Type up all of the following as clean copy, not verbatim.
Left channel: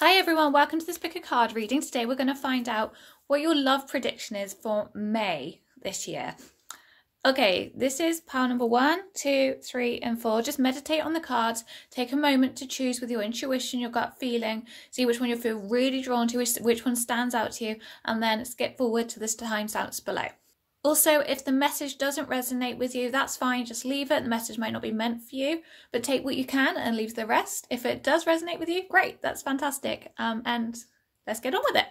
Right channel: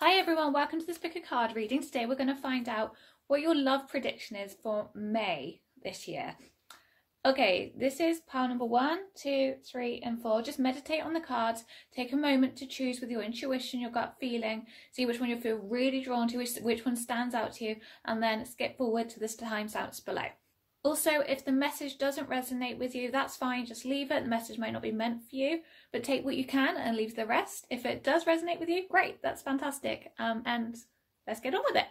Hi everyone, welcome to this pick a card reading. Today we're going to find out what your love prediction is for May this year. Okay, this is pile number 1, 2, 3 and 4. Just meditate on the cards, take a moment to choose with your intuition, your gut feeling, see which one you feel really drawn to, which one stands out to you, and then skip forward to the timestamps below. Also, if the message doesn't resonate with you, that's fine, just leave it. The message might not be meant for you, but take what you can and leave the rest. If it does resonate with you, great, that's fantastic. And let's get on with it.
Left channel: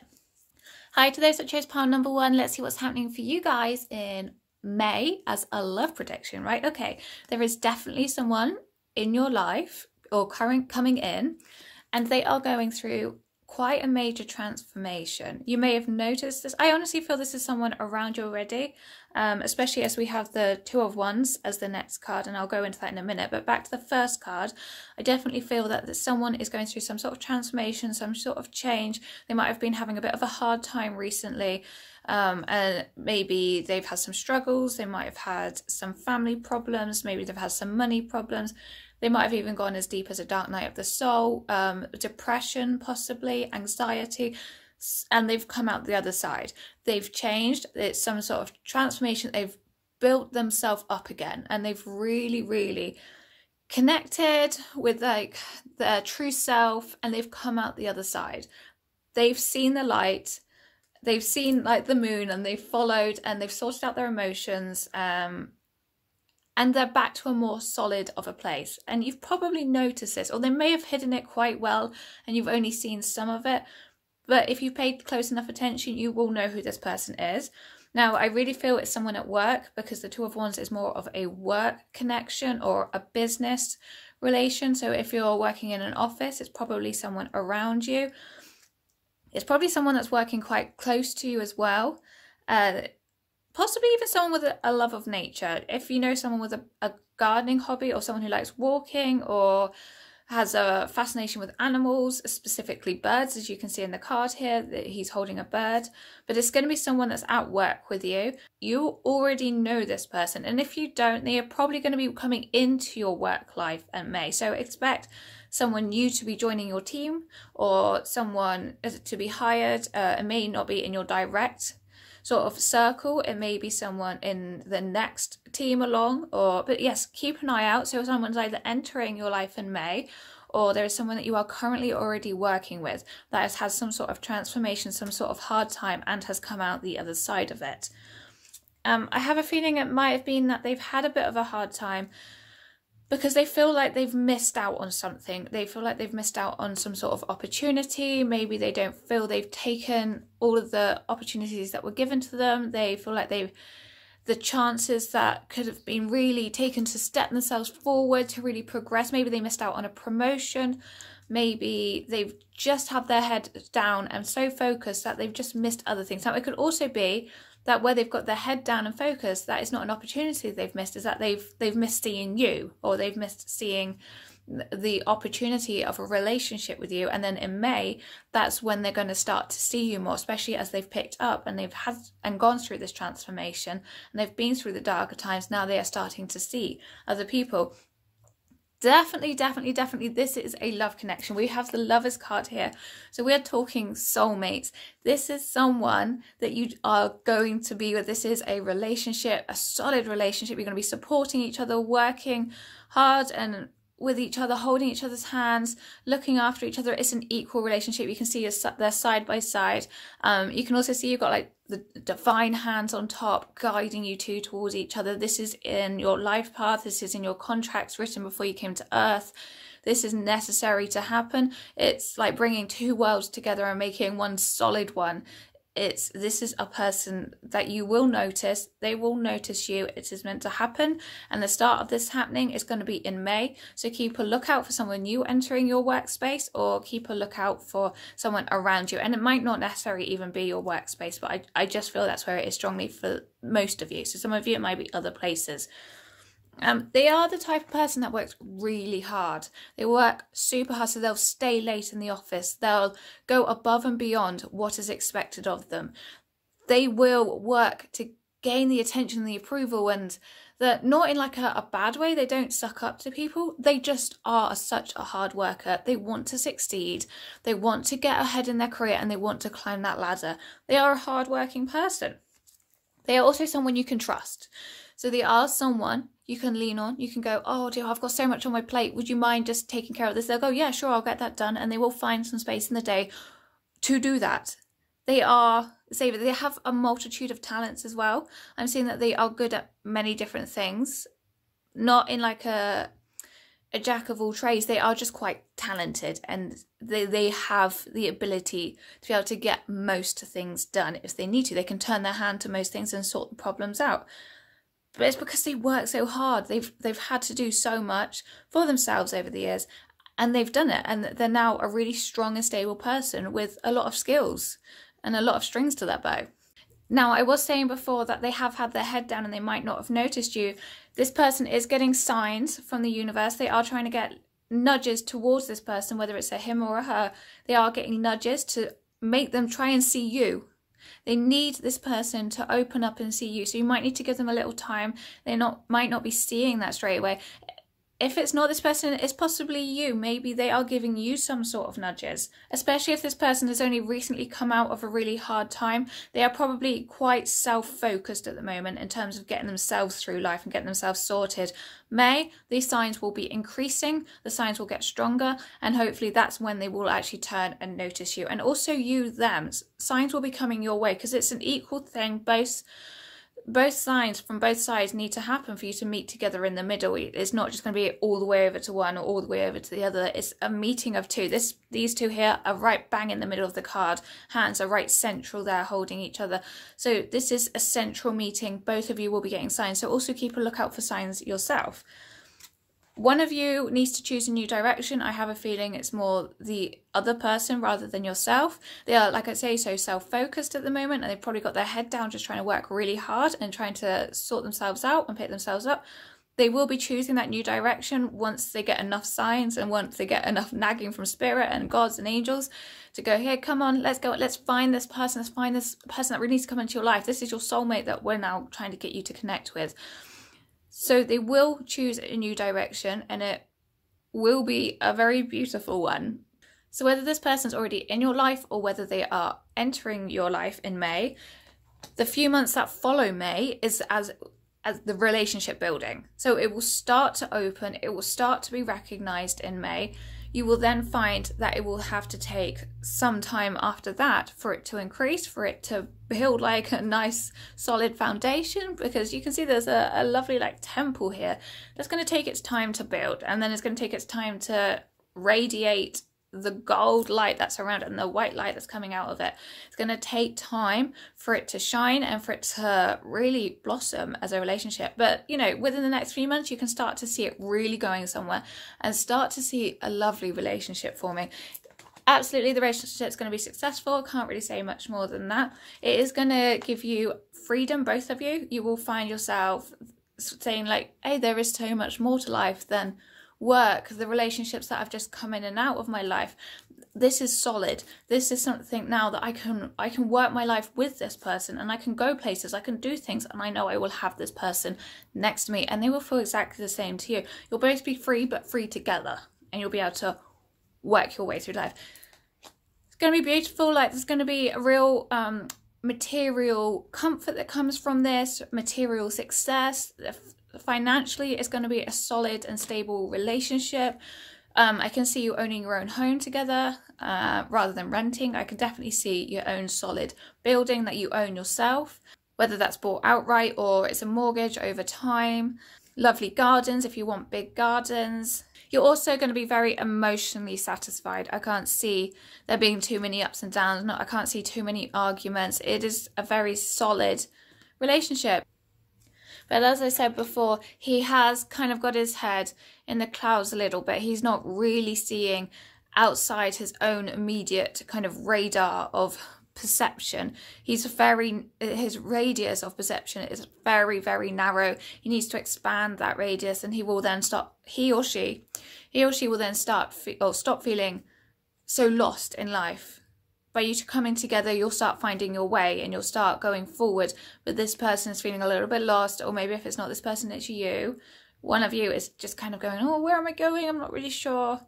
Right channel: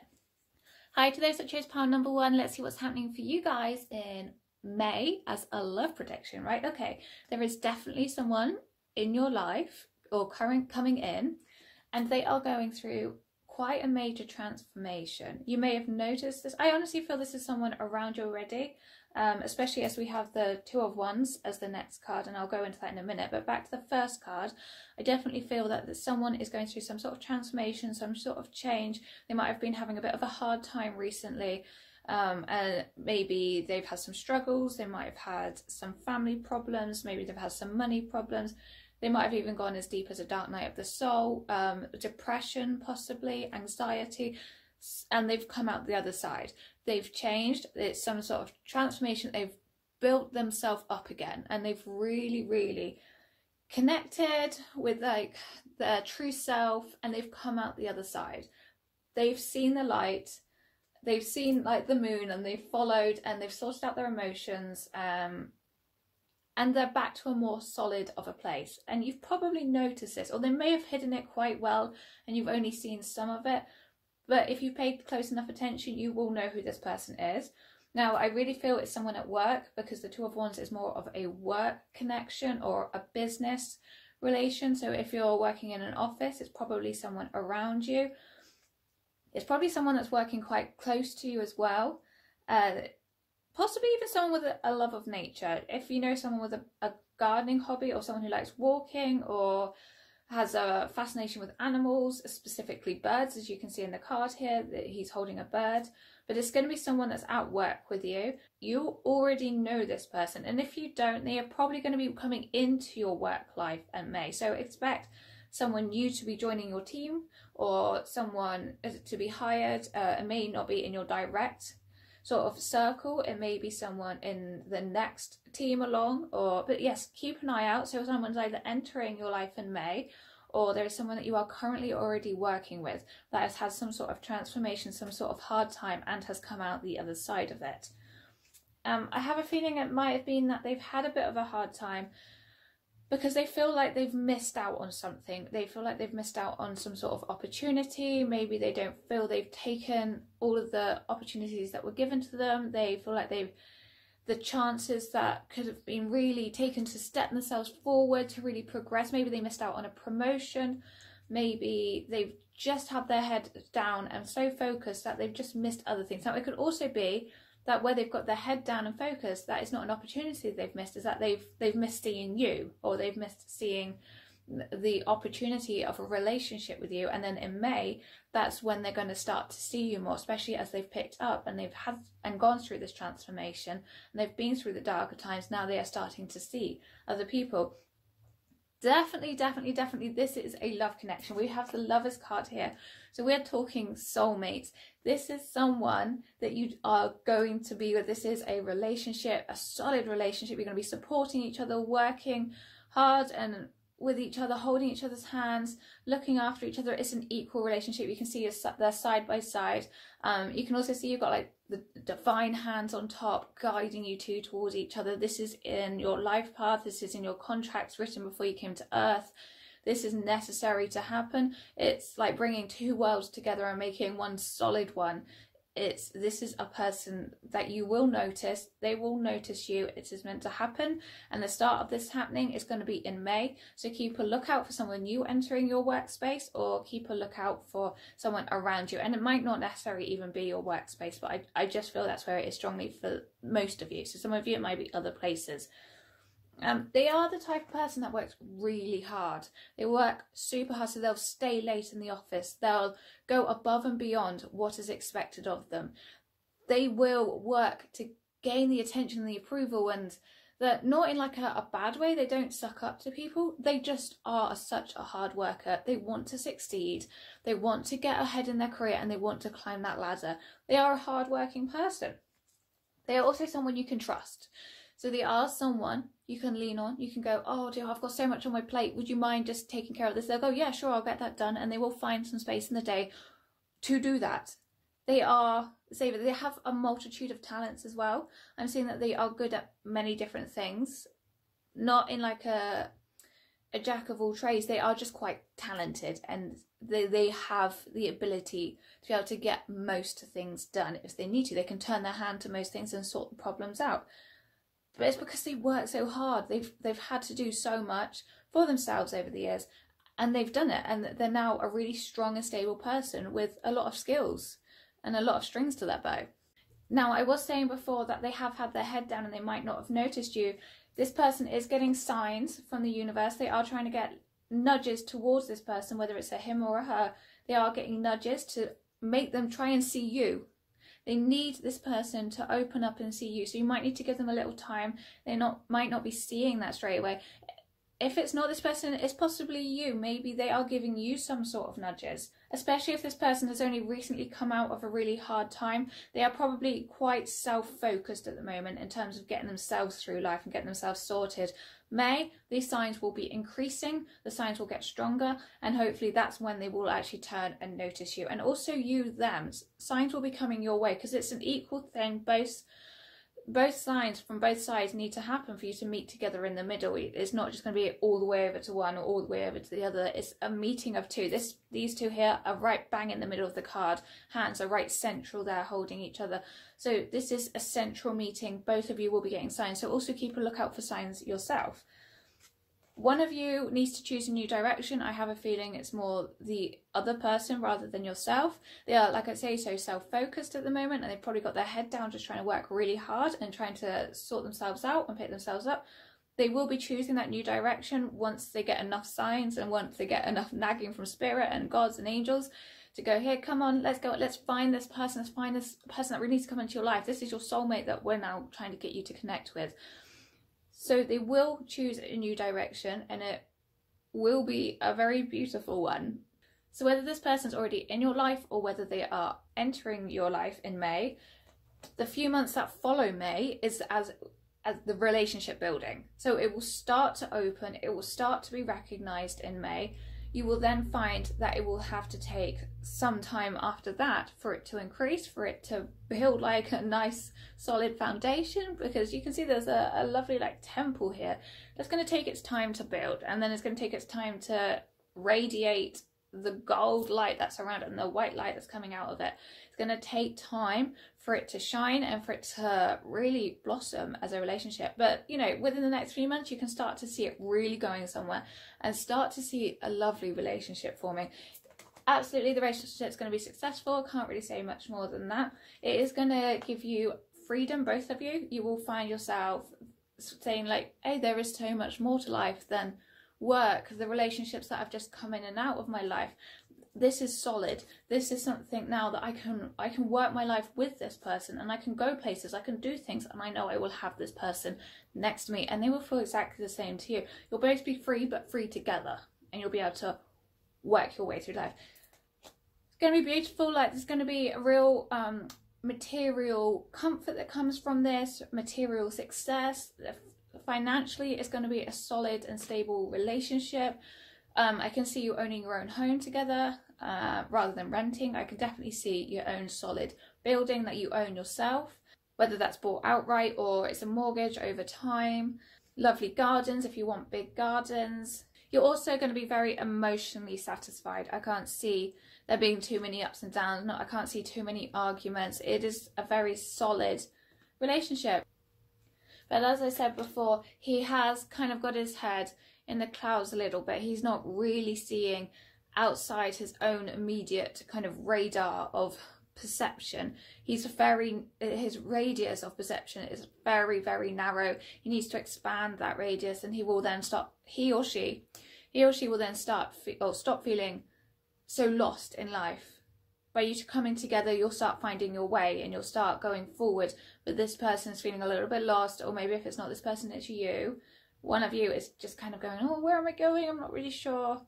Hi to those that chose pile number 1. Let's see what's happening for you guys in May as a love prediction, right? Okay, there is definitely someone in your life or coming in, and they are going through quite a major transformation. You may have noticed this. I honestly feel this is someone around you already, especially as we have the Two of Wands as the next card, and I'll go into that in a minute. But back to the first card, I definitely feel that someone is going through some sort of transformation, some sort of change. They might have been having a bit of a hard time recently, and maybe they've had some struggles. They might have had some family problems, maybe they've had some money problems. They might have even gone as deep as a dark night of the soul, depression, possibly, anxiety, and they've come out the other side. They've changed. It's some sort of transformation. They've built themselves up again, and they've really, really connected with like their true self, and they've come out the other side. They've seen the light. They've seen like the moon, and they've followed, and they've sorted out their emotions, and they're back to a more solid of a place. And you've probably noticed this, or they may have hidden it quite well and you've only seen some of it. But if you paid close enough attention, you will know who this person is. Now, I really feel it's someone at work, because the Two of Wands is more of a work connection or a business relation. So if you're working in an office, it's probably someone around you. It's probably someone that's working quite close to you as well. Possibly even someone with a love of nature. If you know someone with a gardening hobby, or someone who likes walking, or has a fascination with animals, specifically birds, as you can see in the card here, that he's holding a bird. But it's going to be someone that's at work with you. You already know this person, and if you don't, they are probably going to be coming into your work life in May. So expect someone new to be joining your team, or someone to be hired. It may not be in your direct sort of circle, it may be someone in the next team along, but yes, keep an eye out. So someone's either entering your life in May, or there is someone that you are currently already working with that has had some sort of transformation, some sort of hard time, and has come out the other side of it. I have a feeling it might have been that they've had a bit of a hard time because they feel like they've missed out on something. They feel like they've missed out on some sort of opportunity. Maybe they don't feel they've taken all of the opportunities that were given to them. They feel like the chances that could have been really taken to step themselves forward, to really progress. Maybe they missed out on a promotion. Maybe they've just had their head down and so focused that they've just missed other things. Now, it could also be that where they've got their head down and focused, that is not an opportunity they've missed, is that they've missed seeing you, or they've missed seeing the opportunity of a relationship with you. And then in May, that's when they're going to start to see you more, especially as they've picked up and they've had and gone through this transformation, and they've been through the darker times. Now they are starting to see other people. Definitely, this is a love connection. We have the Lovers card here. So we're talking soulmates. This is someone that you are going to be with. This is a relationship, a solid relationship. You're going to be supporting each other, working hard and with each other, holding each other's hands, looking after each other. It's an equal relationship. You can see they're side by side. You can also see you've got like the divine hands on top guiding you towards each other. This is in your life path. This is in your contracts written before you came to earth. This is necessary to happen. It's like bringing two worlds together and making one solid one. This is a person that you will notice. They will notice you. It is meant to happen, and the start of this happening is going to be in May. So keep a lookout for someone new entering your workspace, or keep a lookout for someone around you. And it might not necessarily even be your workspace, but I just feel that's where it is strongly for most of you. So some of you, it might be other places. They are the type of person that works really hard. They work super hard, so they'll stay late in the office. They'll go above and beyond what is expected of them. They will work to gain the attention and the approval and That not in like a bad way, they don't suck up to people, they just are such a hard worker. They want to succeed, they want to get ahead in their career, and they want to climb that ladder. They are a hard-working person. They are also someone you can trust. So they are someone you can lean on. You can go, oh dear, I've got so much on my plate, would you mind just taking care of this? They'll go, yeah, sure, I'll get that done. And they will find some space in the day to do that. They have a multitude of talents as well. I'm seeing that they are good at many different things, not in like a jack of all trades. They are just quite talented, and they have the ability to be able to get most things done if they need to. They can turn their hand to most things and sort the problems out. But it's because they work so hard. They've had to do so much for themselves over the years, and they've done it, and they're now a really strong and stable person with a lot of skills and a lot of strings to their bow. Now, I was saying before that they have had their head down and they might not have noticed you. This person is getting signs from the universe. They are trying to get nudges towards this person, whether it's a him or a her. They are getting nudges to make them try and see you. They need this person to open up and see you. So you might need to give them a little time. They might not be seeing that straight away. If it's not this person, it's possibly you. Maybe they are giving you some sort of nudges, especially if this person has only recently come out of a really hard time. They are probably quite self-focused at the moment in terms of getting themselves through life and getting themselves sorted. May, these signs will be increasing, the signs will get stronger, and hopefully that's when they will actually turn and notice you. And also you, them. Signs will be coming your way because it's an equal thing. Both signs from both sides need to happen for you to meet together in the middle. It's not just going to be all the way over to one or all the way over to the other. It's a meeting of two. These two here are right bang in the middle of the card. Hands are right central there holding each other. So this is a central meeting. Both of you will be getting signs. So also keep a lookout for signs yourself. One of you needs to choose a new direction. I have a feeling it's more the other person rather than yourself. They are, like I say, so self-focused at the moment, and they've probably got their head down just trying to work really hard and trying to sort themselves out and pick themselves up. They will be choosing that new direction once they get enough signs and once they get enough nagging from spirit and gods and angels to go, here, come on, let's go, let's find this person, let's find this person that really needs to come into your life. This is your soulmate that we're now trying to get you to connect with. So they will choose a new direction, and it will be a very beautiful one. So whether this person's already in your life or whether they are entering your life in May, the few months that follow May is as the relationship building. So it will start to open, it will start to be recognized in May. You will then find that it will have to take some time after that for it to increase, for it to build like a nice solid foundation, because you can see there's a lovely like temple here that's going to take its time to build, and then it's going to take its time to radiate the gold light that's around it and the white light that's coming out of it. It's going to take time for it to shine and for it to really blossom as a relationship. But you know, within the next few months you can start to see it really going somewhere and start to see a lovely relationship forming. Absolutely, the relationship's going to be successful. Can't really say much more than that. It is going to give you freedom, both of you. You will find yourself saying like, hey, there is so much more to life than work. The relationships that have just come in and out of my life, this is solid. This is something now that I can work my life with this person, and I can go places, I can do things, and I know I will have this person next to me and they will feel exactly the same to you. You'll both be free, but free together, and you'll be able to work your way through life. It's going to be beautiful. Like, there's going to be a real material comfort that comes from this, material success. Financially, it's going to be a solid and stable relationship. I can see you owning your own home together rather than renting. I can definitely see your own solid building that you own yourself, whether that's bought outright or it's a mortgage over time. Lovely gardens if you want big gardens. You're also going to be very emotionally satisfied. I can't see there being too many ups and downs. I can't see too many arguments. It is a very solid relationship. But as I said before, he has kind of got his head in the clouds a little bit. He's not really seeing outside his own immediate kind of radar of perception. His radius of perception is very, very narrow. He needs to expand that radius, and he or she will then stop feeling so lost in life by you two coming together, you'll start finding your way and you'll start going forward. But this person is feeling a little bit lost, or maybe if it's not this person, it's you. One of you is just kind of going, oh, where am I going? I'm not really sure.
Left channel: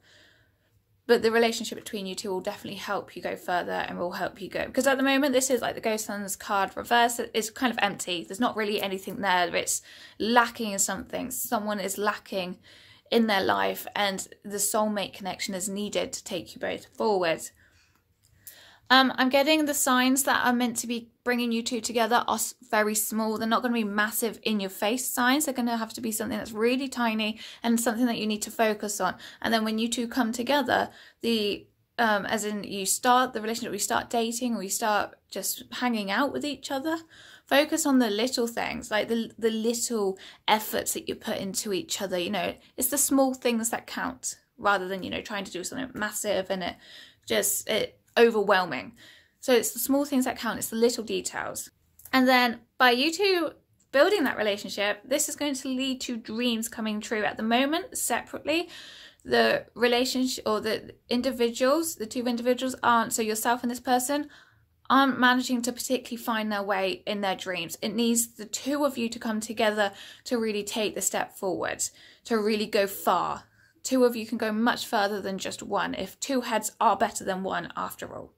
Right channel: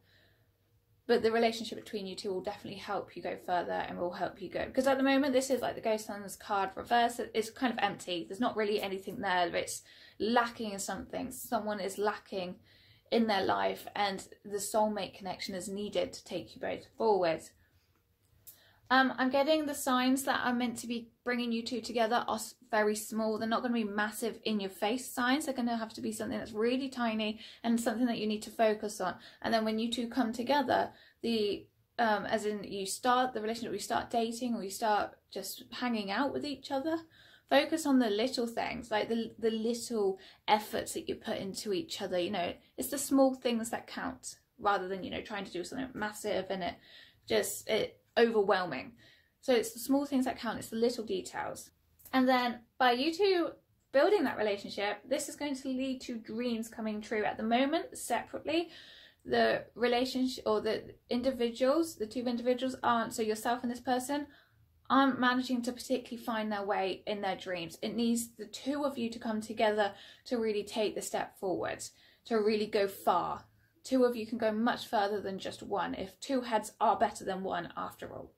But the relationship between you two will definitely help you go further and will help you go. Because at the moment, this is like the Ghost Sun's card reverse. It's kind of empty. There's not really anything there. It's lacking in something. Someone is lacking in their life, and the soulmate connection is needed to take you both forward. I'm getting the signs that are meant to be bringing you two together are very small. They're not going to be massive in your face signs. They're going to have to be something that's really tiny and something that you need to focus on. And then when you two come together, as in you start the relationship, we start dating, or you start just hanging out with each other, focus on the little things, like the little efforts that you put into each other. You know, it's the small things that count, rather than, you know, trying to do something massive and it overwhelming. So it's the small things that count. It's the little details. And then by you two building that relationship, this is going to lead to dreams coming true. At the moment, separately, the relationship, or the individuals, the two individuals aren't, so yourself and this person, aren't managing to particularly find their way in their dreams. It needs the two of you to come together to really take the step forward, to really go far. Two of you can go much further than just one, if two heads are better than one after all.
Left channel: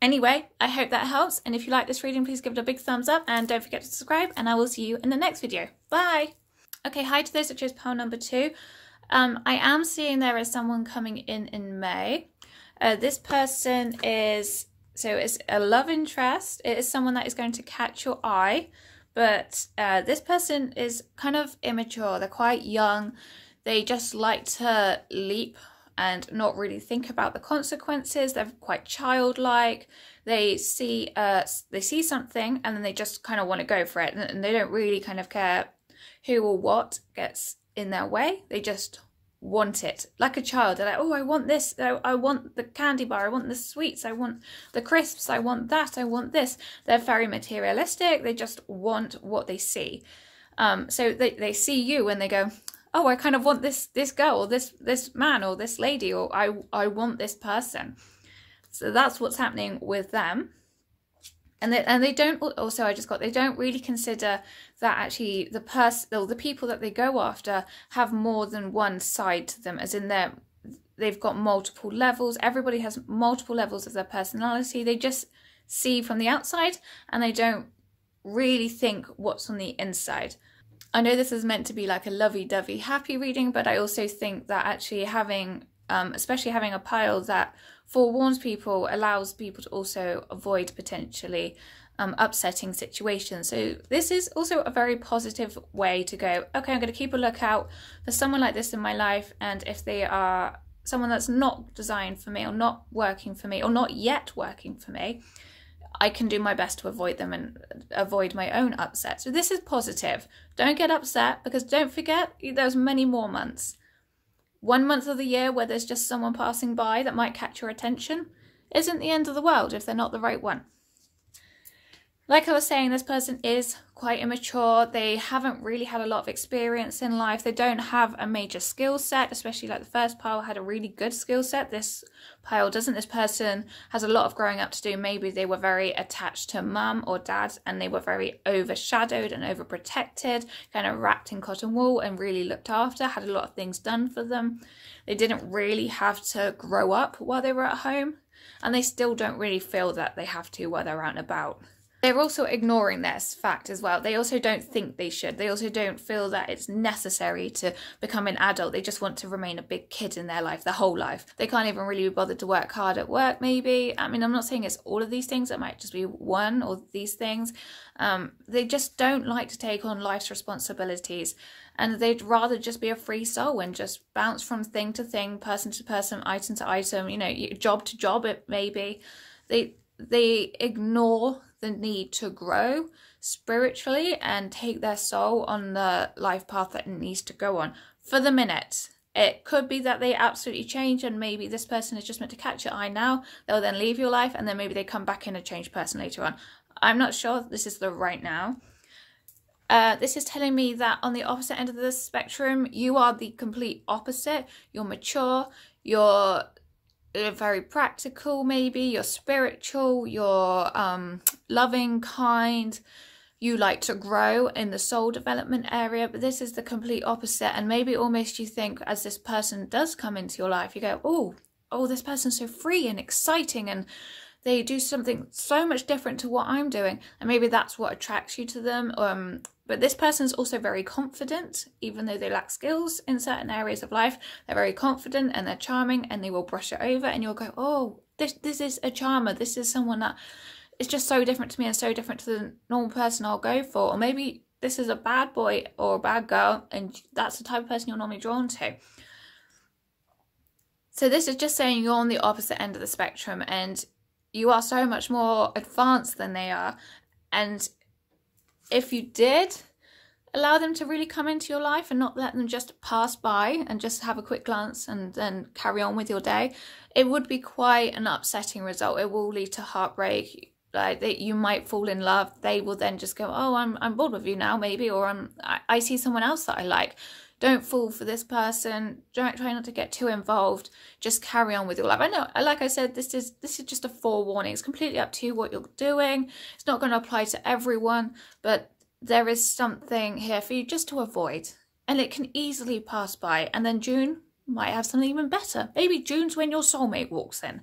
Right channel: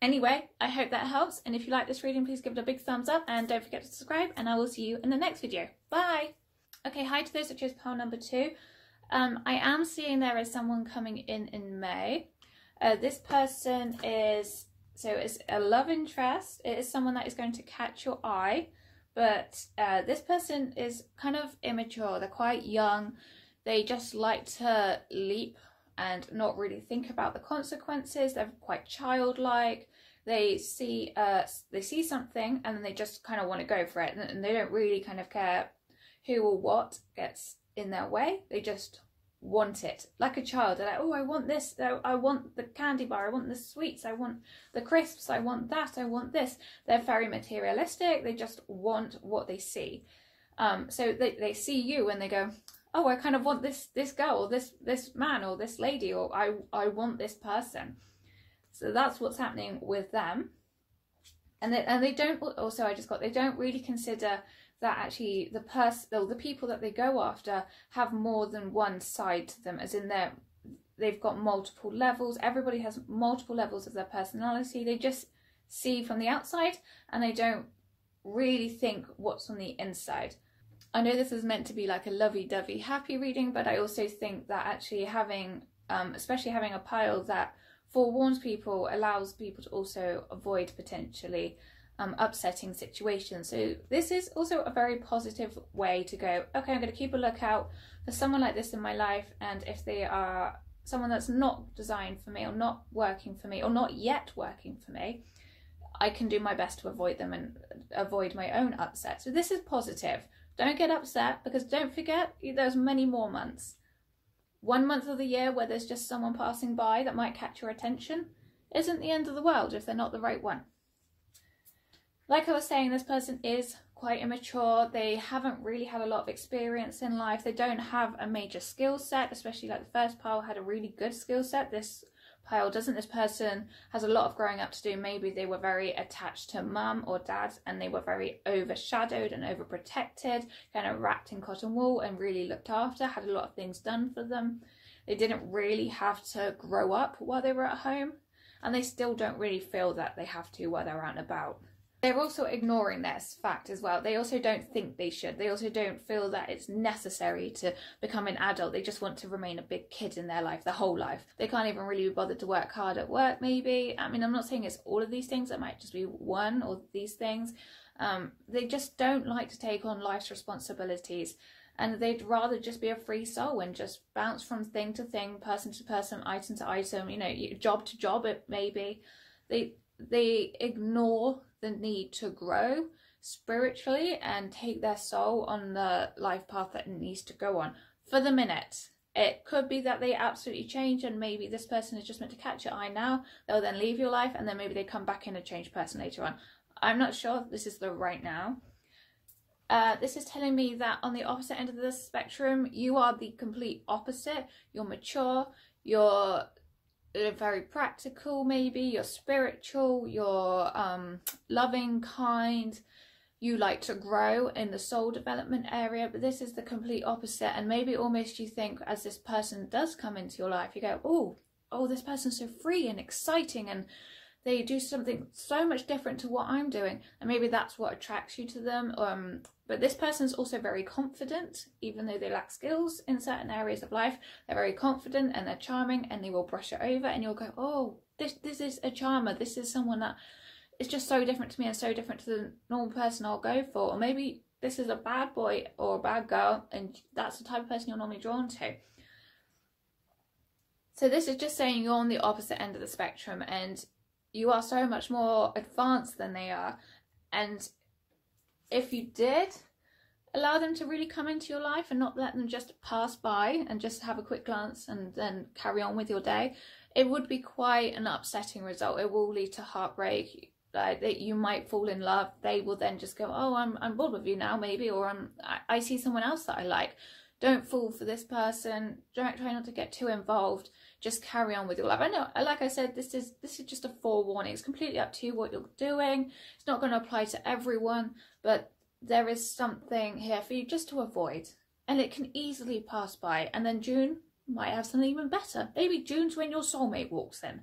Anyway, I hope that helps, and if you like this reading, please give it a big thumbs up, and don't forget to subscribe, and I will see you in the next video. Bye! Okay, hi to those that chose pile number 2. I am seeing there is someone coming in May. This person is, so it's a love interest. It is someone that is going to catch your eye, but this person is kind of immature. They're quite young. They just like to leap and not really think about the consequences. They're quite childlike. They see something and then they just kind of want to go for it, and they don't really kind of care who or what gets in their way. They just want it, like a child. They're like, oh, I want this, I want the candy bar, I want the sweets, I want the crisps, I want that, I want this. They're very materialistic. They just want what they see. So they see you and they go, oh, I kind of want this girl, or this man, or this lady, or I want this person. So that's what's happening with them. And they don't, also they don't really consider that actually the people that they go after have more than one side to them, as in they've got multiple levels. Everybody has multiple levels of their personality. They just see from the outside and they don't really think what's on the inside. I know this is meant to be like a lovey-dovey happy reading, but I also think that actually having, especially having a pile that forewarns people, allows people to also avoid potentially upsetting situations. So this is also a very positive way to go, okay, I'm going to keep a lookout for someone like this in my life, and if they are someone that's not designed for me, or not working for me, or not yet working for me, I can do my best to avoid them and avoid my own upset. So this is positive. Don't get upset, because don't forget, there's many more months. 1 month of the year where there's just someone passing by that might catch your attention isn't the end of the world if they're not the right one. Like I was saying, this person is quite immature. They haven't really had a lot of experience in life. They don't have a major skill set, especially like the first pile had a really good skill set. This pile doesn't. This person has a lot of growing up to do. Maybe they were very attached to mum or dad, and they were very overshadowed and overprotected, kind of wrapped in cotton wool and really looked after, had a lot of things done for them. They didn't really have to grow up while they were at home, and they still don't really feel that they have to while they're out and about. They're also ignoring this fact as well. They also don't think they should. They also don't feel that it's necessary to become an adult. They just want to remain a big kid in their life, their whole life. They can't even really be bothered to work hard at work, maybe. I mean, I'm not saying it's all of these things. It might just be one or these things. They just don't like to take on life's responsibilities. And they'd rather just be a free soul and just bounce from thing to thing, person to person, item to item, you know, job to job, it may be. They ignore the need to grow spiritually and take their soul on the life path that it needs to go on. For the minute, it could be that they absolutely change, and maybe this person is just meant to catch your eye now. They'll then leave your life, and then maybe they come back in a changed person later on. I'm not sure this is the right now. This is telling me that on the opposite end of the spectrum, you are the complete opposite. You're mature, you're you're very practical, maybe you're spiritual, you're loving, kind, you like to grow in the soul development area, but this is the complete opposite. And maybe almost you think, as this person does come into your life, you go, oh, this person's so free and exciting, and they do something so much different to what I'm doing, and maybe that's what attracts you to them. But this person's also very confident, even though they lack skills in certain areas of life. They're very confident and they're charming, and they will brush it over, and you'll go, oh, this is a charmer. This is someone that is just so different to me and so different to the normal person I'll go for. Or maybe this is a bad boy or a bad girl, and that's the type of person you're normally drawn to. So this is just saying you're on the opposite end of the spectrum, and you are so much more advanced than they are. And if you did allow them to really come into your life and not let them just pass by and just have a quick glance and then carry on with your day, it would be quite an upsetting result. It will lead to heartbreak. Like, you might fall in love. They will then just go, oh, I'm bored with you now, maybe, or I see someone else that I like. Don't fall for this person. Try not to get too involved. Just carry on with your life. I know, like I said, this is just a forewarning. It's completely up to you what you're doing. It's not going to apply to everyone, but there is something here for you just to avoid. And it can easily pass by. And then June might have something even better. Maybe June's when your soulmate walks in.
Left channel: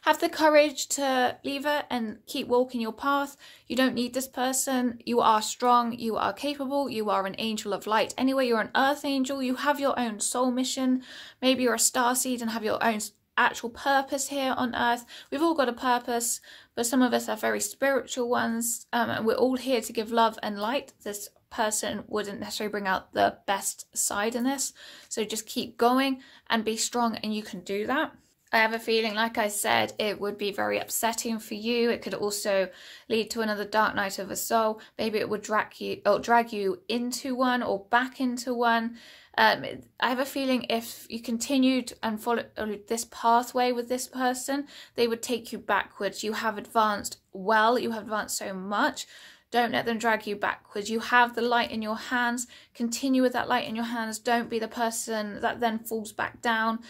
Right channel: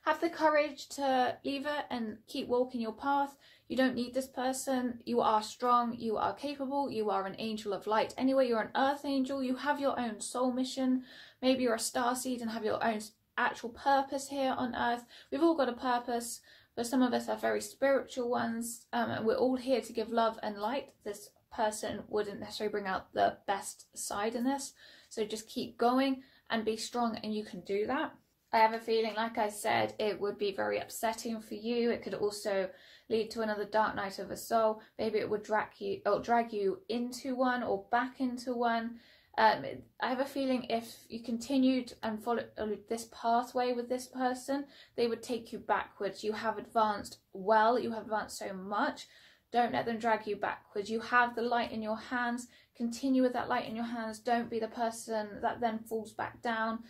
Have the courage to leave it and keep walking your path. You don't need this person. You are strong. You are capable. You are an angel of light. Anyway, you're an earth angel. You have your own soul mission. Maybe you're a starseed and have your own actual purpose here on earth. We've all got a purpose, but some of us are very spiritual ones. And we're all here to give love and light. This person wouldn't necessarily bring out the best side in this. So just keep going and be strong, and you can do that. I have a feeling, like I said, it would be very upsetting for you. It could also lead to another dark night of the soul. Maybe it would drag you into one or back into one. I have a feeling if you continued and followed this pathway with this person, they would take you backwards. You have advanced well. You have advanced so much. Don't let them drag you backwards. You have the light in your hands. Continue with that light in your hands. Don't be the person that then falls back down.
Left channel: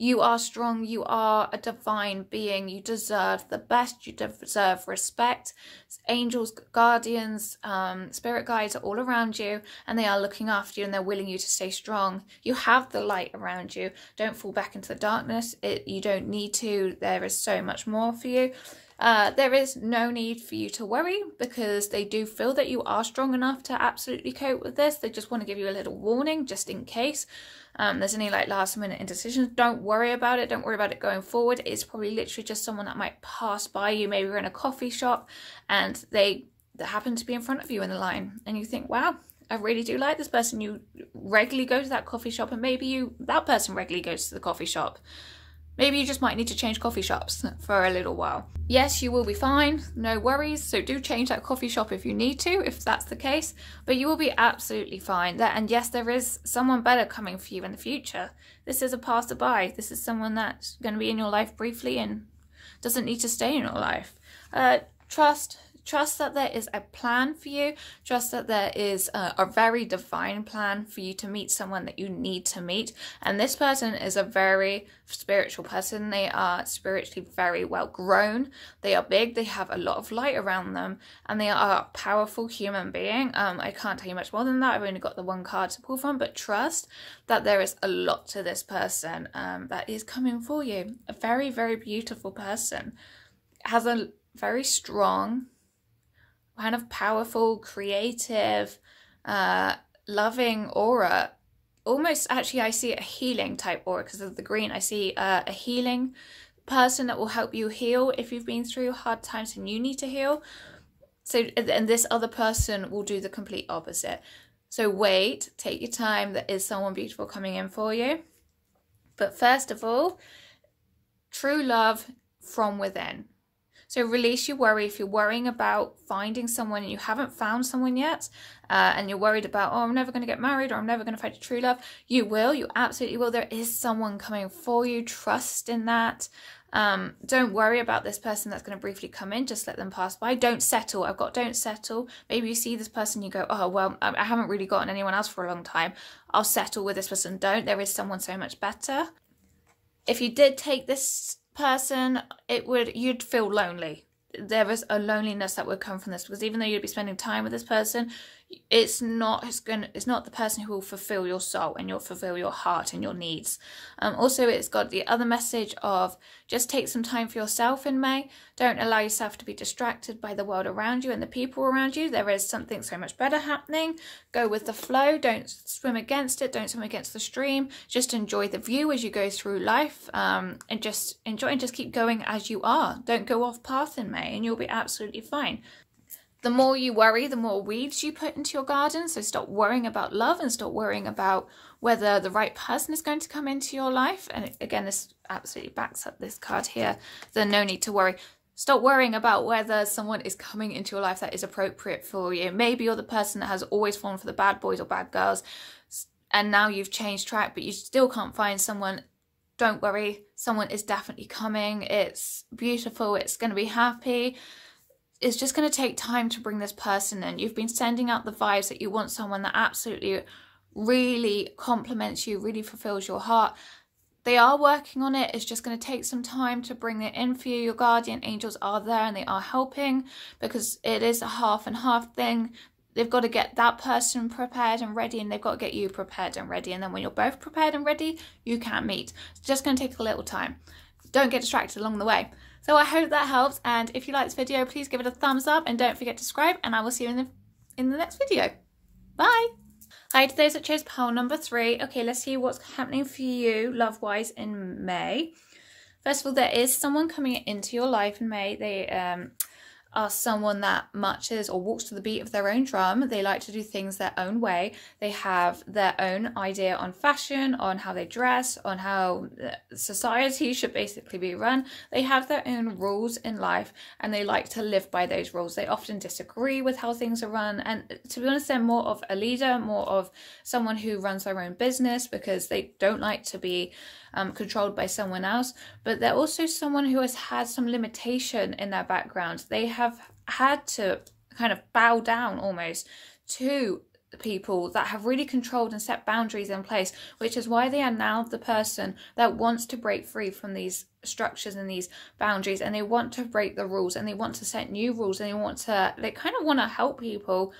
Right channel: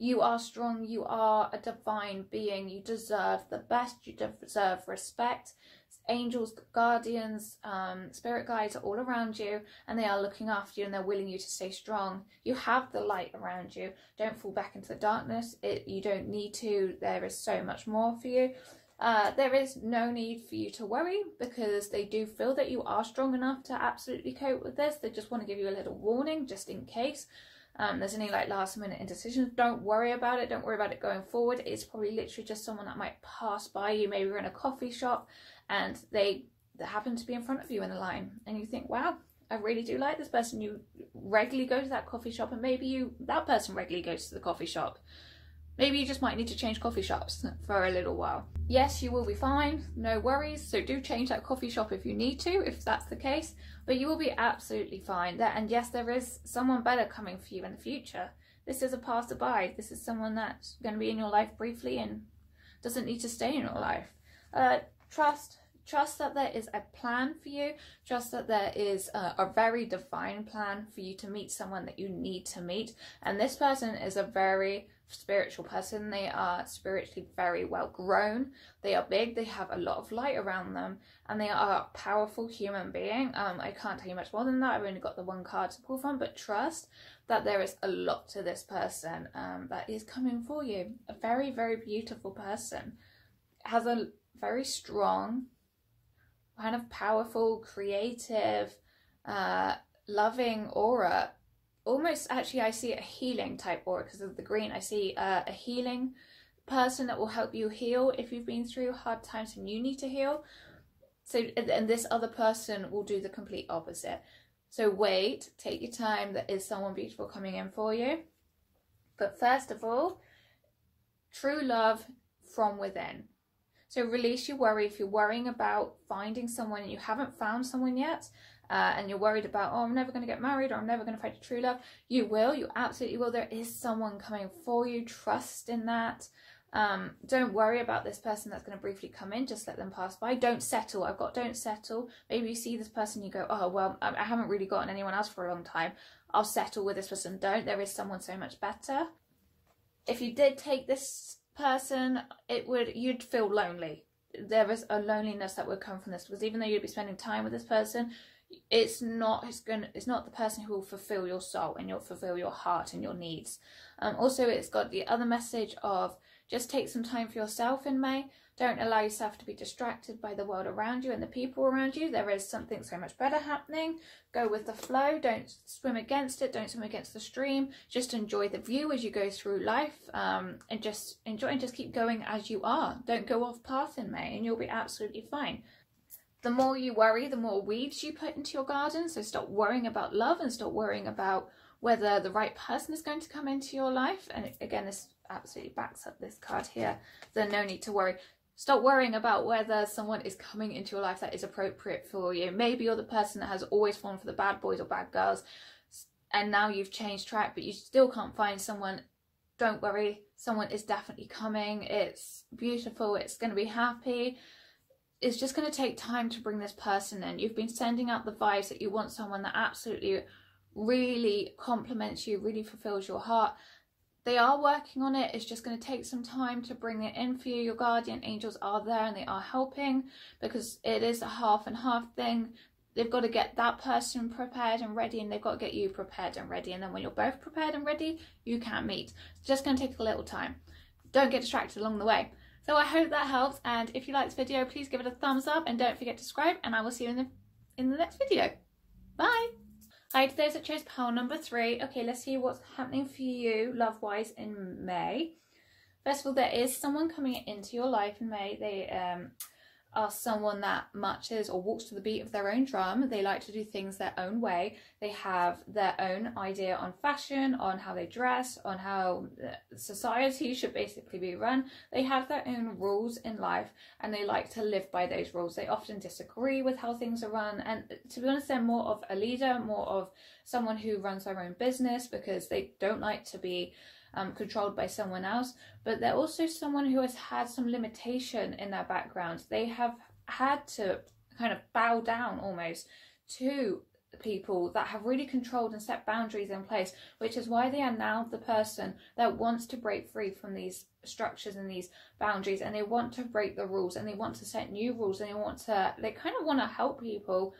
You are strong. You are a divine being. You deserve the best. You deserve respect. Angels, guardians, spirit guides are all around you, and they are looking after you, and they're willing you to stay strong. You have the light around you. Don't fall back into the darkness. You don't need to. There is so much more for you. There is no need for you to worry, because they do feel that you are strong enough to absolutely cope with this. They just want to give you a little warning just in case. There's any like last minute indecisions. Don't worry about it. Don't worry about it going forward. It's probably literally just someone that might pass by you. Maybe you're in a coffee shop and they happen to be in front of you in the line, and you think, wow, I really do like this person. You regularly go to that coffee shop, and maybe that person regularly goes to the coffee shop. Maybe you just might need to change coffee shops for a little while. Yes, you will be fine, no worries. So do change that coffee shop if you need to, if that's the case, but you will be absolutely fine. And yes, there is someone better coming for you in the future. This is a passerby. This is someone that's going to be in your life briefly and doesn't need to stay in your life. Trust that there is a plan for you. Trust that there is a very divine plan for you to meet someone that you need to meet. And this person is a very spiritual person. They are spiritually very well grown. They are big. They have a lot of light around them. And they are a powerful human being. I can't tell you much more than that. I've only got the one card to pull from. But trust that there is a lot to this person that is coming for you. A very, very beautiful person. Has a very strong, kind of powerful, creative, loving aura. Almost, actually, I see a healing type aura because of the green. I see a healing person that will help you heal if you've been through hard times and you need to heal. So, and this other person will do the complete opposite. So wait, take your time. There is someone beautiful coming in for you. But first of all, true love from within. So release your worry. If you're worrying about finding someone and you haven't found someone yet, and you're worried about, oh, I'm never going to get married, or I'm never going to find a true love, you will. You absolutely will. There is someone coming for you. Trust in that. Don't worry about this person that's going to briefly come in. Just let them pass by. Don't settle. I've got don't settle. Maybe you see this person, you go, oh, well, I haven't really gotten anyone else for a long time. I'll settle with this person. Don't. There is someone so much better. if you did take this person, you'd feel lonely. There is a loneliness that would come from this, because even though you'd be spending time with this person, it's not the person who will fulfill your soul and you'll fulfill your heart and your needs. Also, it's got the other message of just take some time for yourself in May. Don't allow yourself to be distracted by the world around you and the people around you. There is something so much better happening. Go with the flow. Don't swim against it. Don't swim against the stream. Just enjoy the view as you go through life, and just enjoy and just keep going as you are. Don't go off path in May and you'll be absolutely fine. The more you worry, the more weeds you put into your garden. So stop worrying about love and stop worrying about whether the right person is going to come into your life. And again, this absolutely backs up this card here. The no need to worry. Stop worrying about whether someone is coming into your life that is appropriate for you. Maybe you're the person that has always fallen for the bad boys or bad girls, and now you've changed track, but you still can't find someone. Don't worry. Someone is definitely coming. It's beautiful. It's going to be happy. It's just going to take time to bring this person in. You've been sending out the vibes that you want someone that absolutely really compliments you, really fulfills your heart. They are working on it. It's just going to take some time to bring it in for you. Your guardian angels are there and they are helping, because it is a half and half thing. They've got to get that person prepared and ready, and they've got to get you prepared and ready. And then when you're both prepared and ready, you can meet. It's just going to take a little time. Don't get distracted along the way. So I hope that helps, and if you like this video, please give it a thumbs up and don't forget to subscribe, and I will see you in the next video. Bye! Hi to those that chose pile number 3. Okay, let's see what's happening for you love-wise in May. First of all, there is someone coming into your life in May. They are someone that marches or walks to the beat of their own drum. They like to do things their own way. They have their own idea on fashion, on how they dress, on how society should basically be run. They have their own rules in life and they like to live by those rules. They often disagree with how things are run, and to be honest, they're more of a leader, more of someone who runs their own business, because they don't like to be controlled by someone else. But they're also someone who has had some limitation in their background. They have had to kind of bow down almost to the people that have really controlled and set boundaries in place, which is why they are now the person that wants to break free from these structures and these boundaries, and they want to break the rules and they want to set new rules, and they kind of want to help people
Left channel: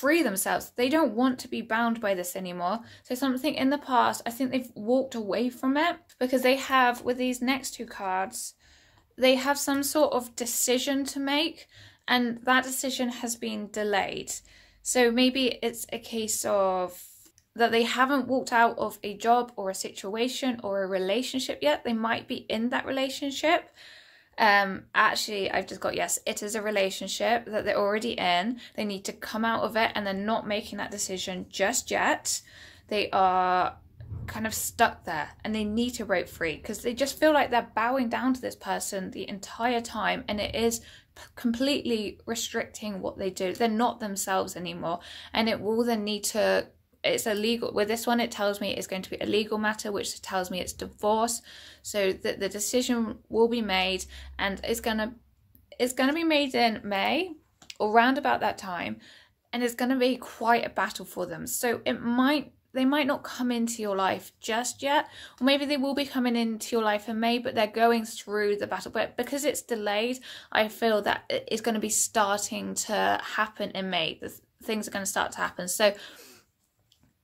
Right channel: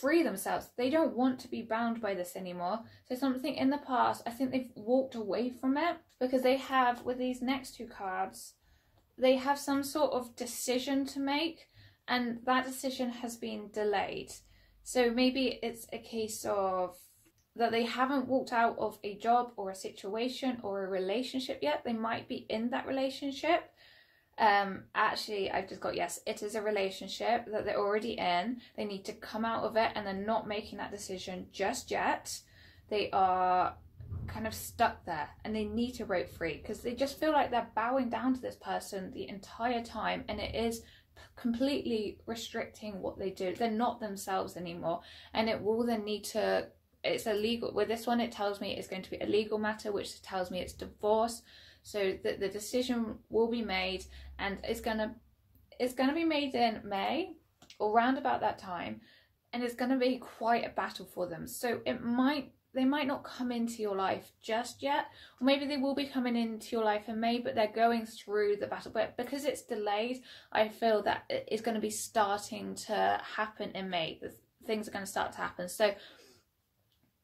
free themselves. They don't want to be bound by this anymore. So something in the past, I think they've walked away from it, because they have, with these next 2 cards, they have some sort of decision to make, and that decision has been delayed. So maybe it's a case of that they haven't walked out of a job or a situation or a relationship yet. They might be in that relationship. Actually, I've just got, yes, it is a relationship that they're already in. They need to come out of it, and they're not making that decision just yet. They are kind of stuck there and they need to break free, because they just feel like they're bowing down to this person the entire time, and it is completely restricting what they do. They're not themselves anymore, and it will then need to, it's illegal. With this one, it tells me it's going to be a legal matter, which tells me it's divorce. So that the decision will be made, and it's gonna be made in May or round about that time, and it's gonna be quite a battle for them. So they might not come into your life just yet, or maybe they will be coming into your life in May, but they're going through the battle. But because it's delayed, I feel that it's going to be starting to happen in May. Things are going to start to happen. So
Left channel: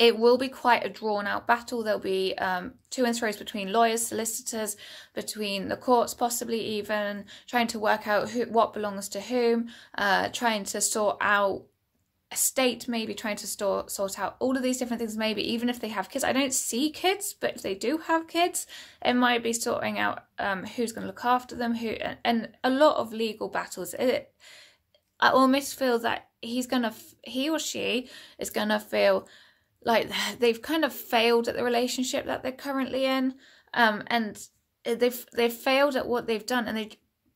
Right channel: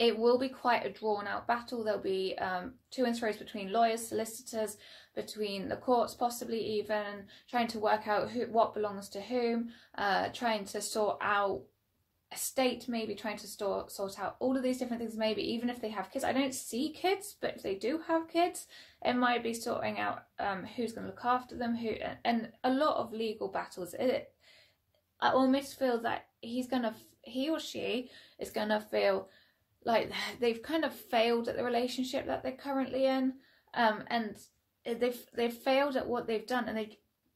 it will be quite a drawn-out battle. There'll be to and fro's between lawyers, solicitors, between the courts, possibly even trying to work out what belongs to whom, trying to sort out estate, maybe trying to sort out all of these different things. Maybe even if they have kids. I don't see kids, but if they do have kids, it might be sorting out who's going to look after them, and a lot of legal battles. I almost feel that he or she is going to feel like they've kind of failed at the relationship that they're currently in, and they've failed at what they've done,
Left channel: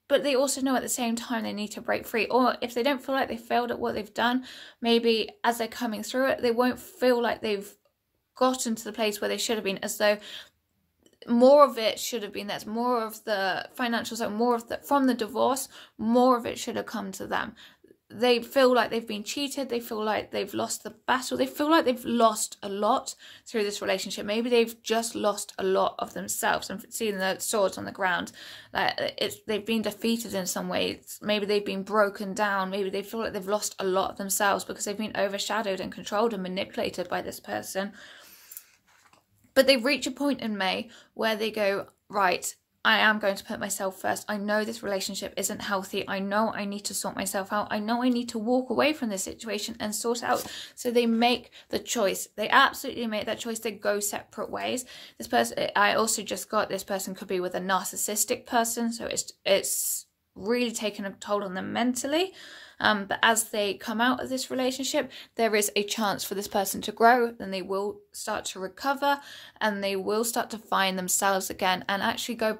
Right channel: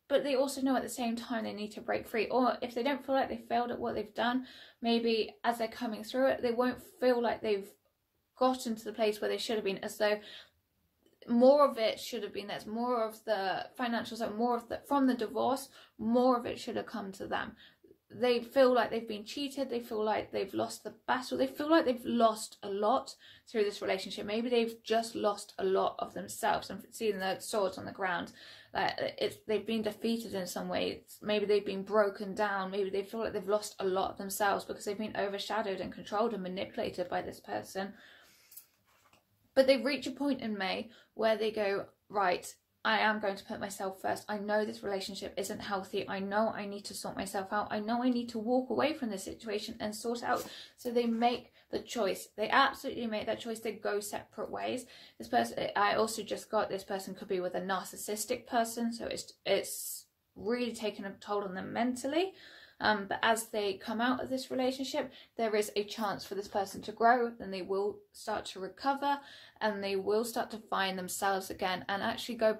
but they also know at the same time they need to break free. Or if they don't feel like they failed at what they've done, maybe as they're coming through it, they won't feel like they've gotten to the place where they should have been, as though more of it should have been theirs, more of the financial side, more of the, from the divorce, more of it should have come to them. they feel like they've been cheated, they feel like they've lost the battle, they feel like they've lost a lot through this relationship. Maybe they've just lost a lot of themselves. I'm seeing the swords on the ground, they've been defeated in some ways. Maybe they've been broken down, maybe they feel like they've lost a lot of themselves because they've been overshadowed and controlled and manipulated by this person. But they reach a point in May where they go, right, I am going to put myself first. I know this relationship isn't healthy. I know I need to sort myself out. I know I need to walk away from this situation and sort out. So they make the choice. They absolutely make that choice. They go separate ways. This person, I also just got, this person could be with a narcissistic person. So it's really taken a toll on them mentally. But as they come out of this relationship, there is a chance for this person to grow, and they will start to recover, and they will start to find themselves again and actually go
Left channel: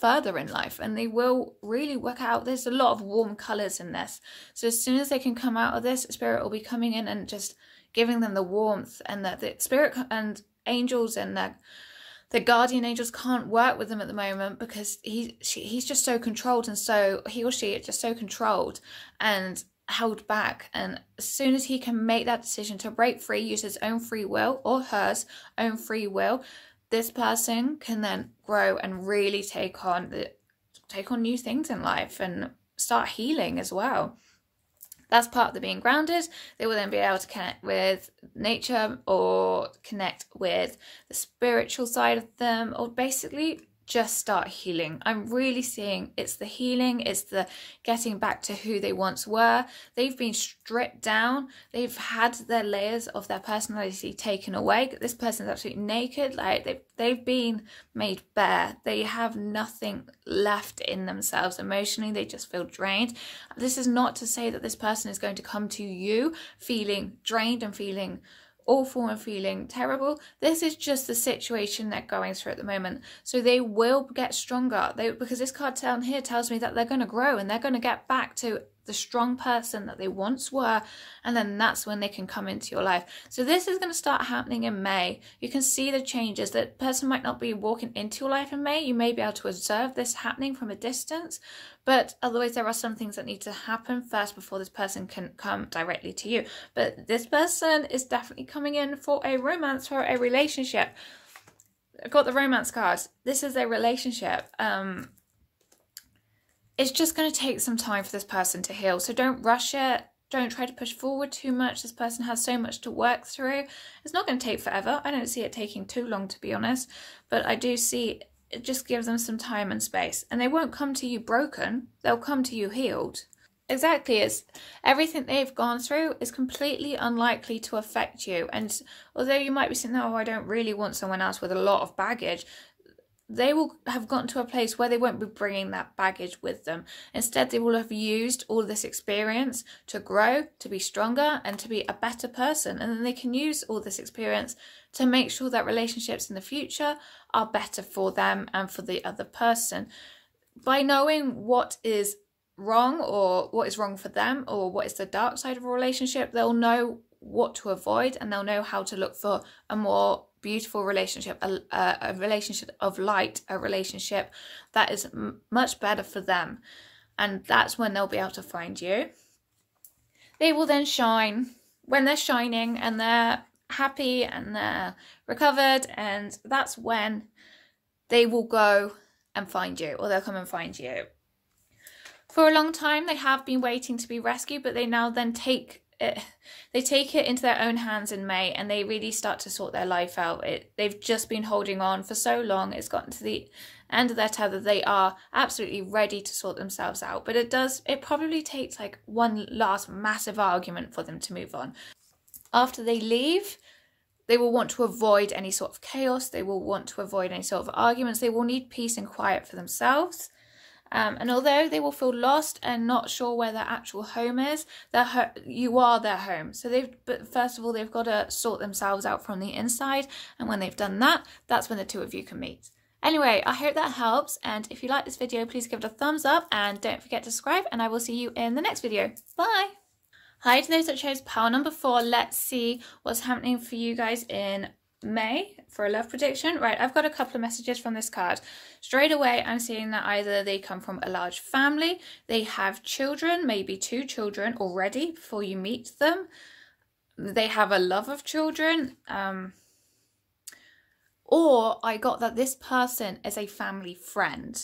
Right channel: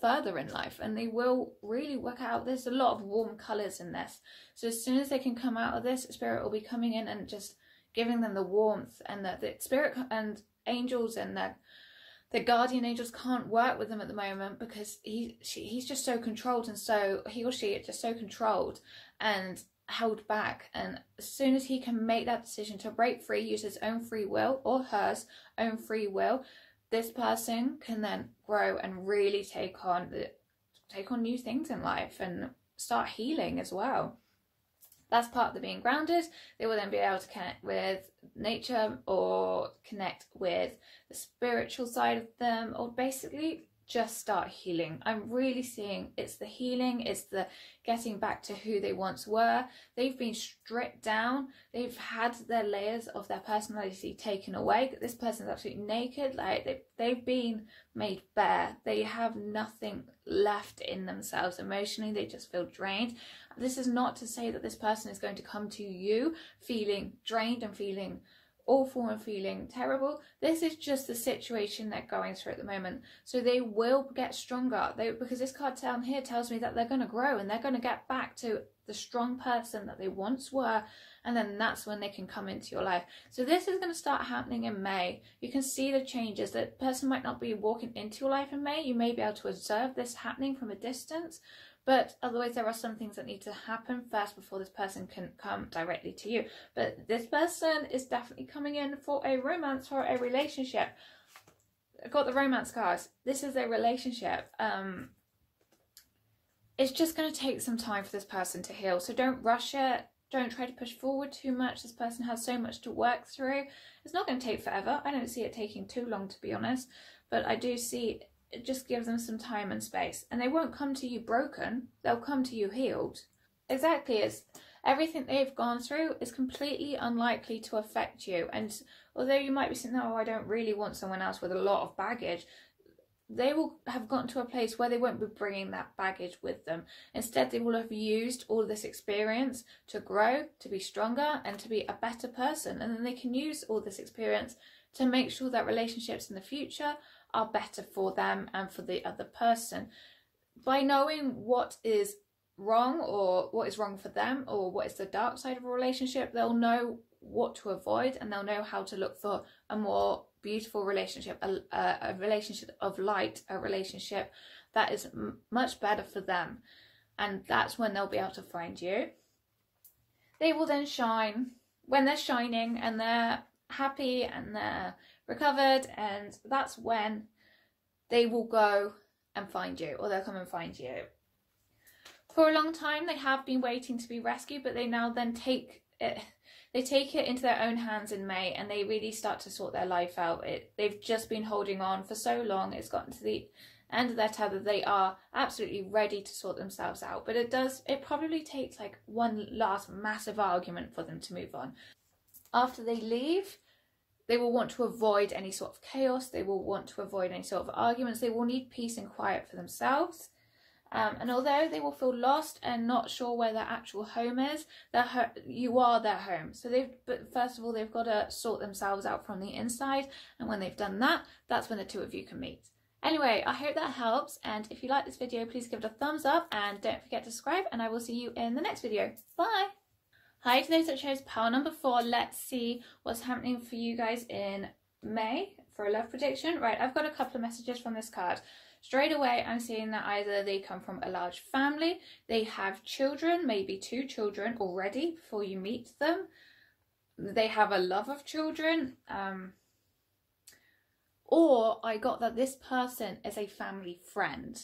further in life, and they will really work out. There's a lot of warm colors in this, so as soon as they can come out of this, Spirit will be coming in and just giving them the warmth, and that the Spirit and angels and the guardian angels can't work with them at the moment because he's just so controlled, and so he or she is just so controlled and held back. And as soon as he can make that decision to break free, use his own free will or hers own free will, this person can then grow and really take on new things in life and start healing as well. That's part of the being grounded. They will then be able to connect with nature or connect with the spiritual side of them, or basically just start healing. I'm really seeing it's the healing, it's the getting back to who they once were. They've been stripped down. They've had their layers of their personality taken away. This person's absolutely naked. Like they've been made bare. They have nothing left in themselves emotionally. They just feel drained. This is not to say that this person is going to come to you feeling drained and feeling awful and feeling terrible. This is just the situation they're going through at the moment. So they will get stronger, because this card down here tells me that they're going to grow and they're going to get back to the strong person that they once were, and then that's when they can come into your life. So this is going to start happening in May. You can see the changes. That person might not be walking into your life in May. You may be able to observe this happening from a distance, but otherwise there are some things that need to happen first before this person can come directly to you. But this person is definitely coming in for a romance, for a relationship. I've got the romance cards. This is a relationship. It's just going to take some time for this person to heal. So don't rush it. Don't try to push forward too much. This person has so much to work through. It's not going to take forever. I don't see it taking too long, to be honest. But I do see it just gives them some time and space. And they won't come to you broken. They'll come to you healed. Exactly. It's everything they've gone through is completely unlikely to affect you. And although you might be saying, oh, I don't really want someone else with a lot of baggage, they will have gotten to a place where they won't be bringing that baggage with them. Instead, they will have used all this experience to grow, to be stronger, and to be a better person. And then they can use all this experience to make sure that relationships in the future are better for them and for the other person. By knowing what is wrong, or what is wrong for them, or what is the dark side of a relationship, they'll know what to avoid, and they'll know how to look for a more beautiful relationship, a relationship of light, a relationship that is much better for them. And that's when they'll be able to find you. They will then shine when they're shining and they're happy and they're recovered, and that's when they will go and find you, or they'll come and find you. For a long time they have been waiting to be rescued, but they now then take it into their own hands in May, and they really start to sort their life out. They've just been holding on for so long. It's gotten to the end of their tether. They are absolutely ready to sort themselves out, but it probably takes like one last massive argument for them to move on. After they leave, they will want to avoid any sort of chaos. They will want to avoid any sort of arguments. They will need peace and quiet for themselves. And although they will feel lost and not sure where their actual home is, you are their home. So but first of all, they've got to sort themselves out from the inside. And when they've done that, that's when the two of you can meet. Anyway, I hope that helps. And if you like this video, please give it a thumbs up and don't forget to subscribe. And I will see you in the next video. Bye. Hi to those that chose pile number 4. Let's see what's happening for you guys in May for a love prediction. Right, I've got a couple of messages from this card. Straight away, I'm seeing that either they come from a large family, they have children, maybe 2 children already before you meet them, they have a love of children, or I got that this person is a family friend.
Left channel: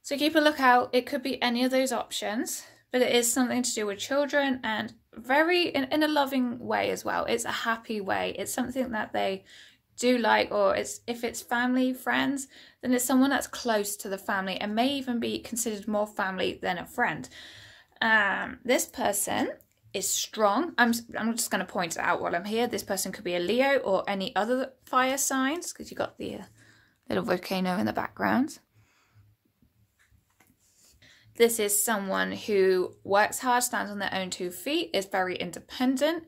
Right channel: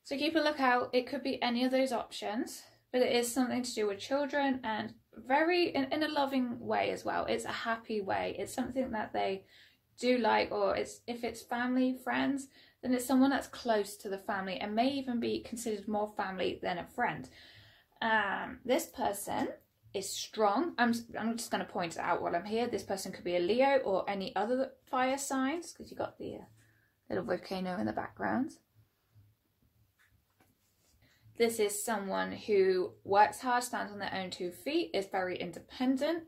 So keep a lookout. It could be any of those options, but it is something to do with children, and very in a loving way as well. It's a happy way. It's something that they do like, or if it's family, friends, then it's someone that's close to the family and may even be considered more family than a friend. This person is strong. I'm just going to point it out while I'm here. This person could be a Leo or any other fire signs, because you've got the little volcano in the background. This is someone who works hard, stands on their own 2 feet, is very independent.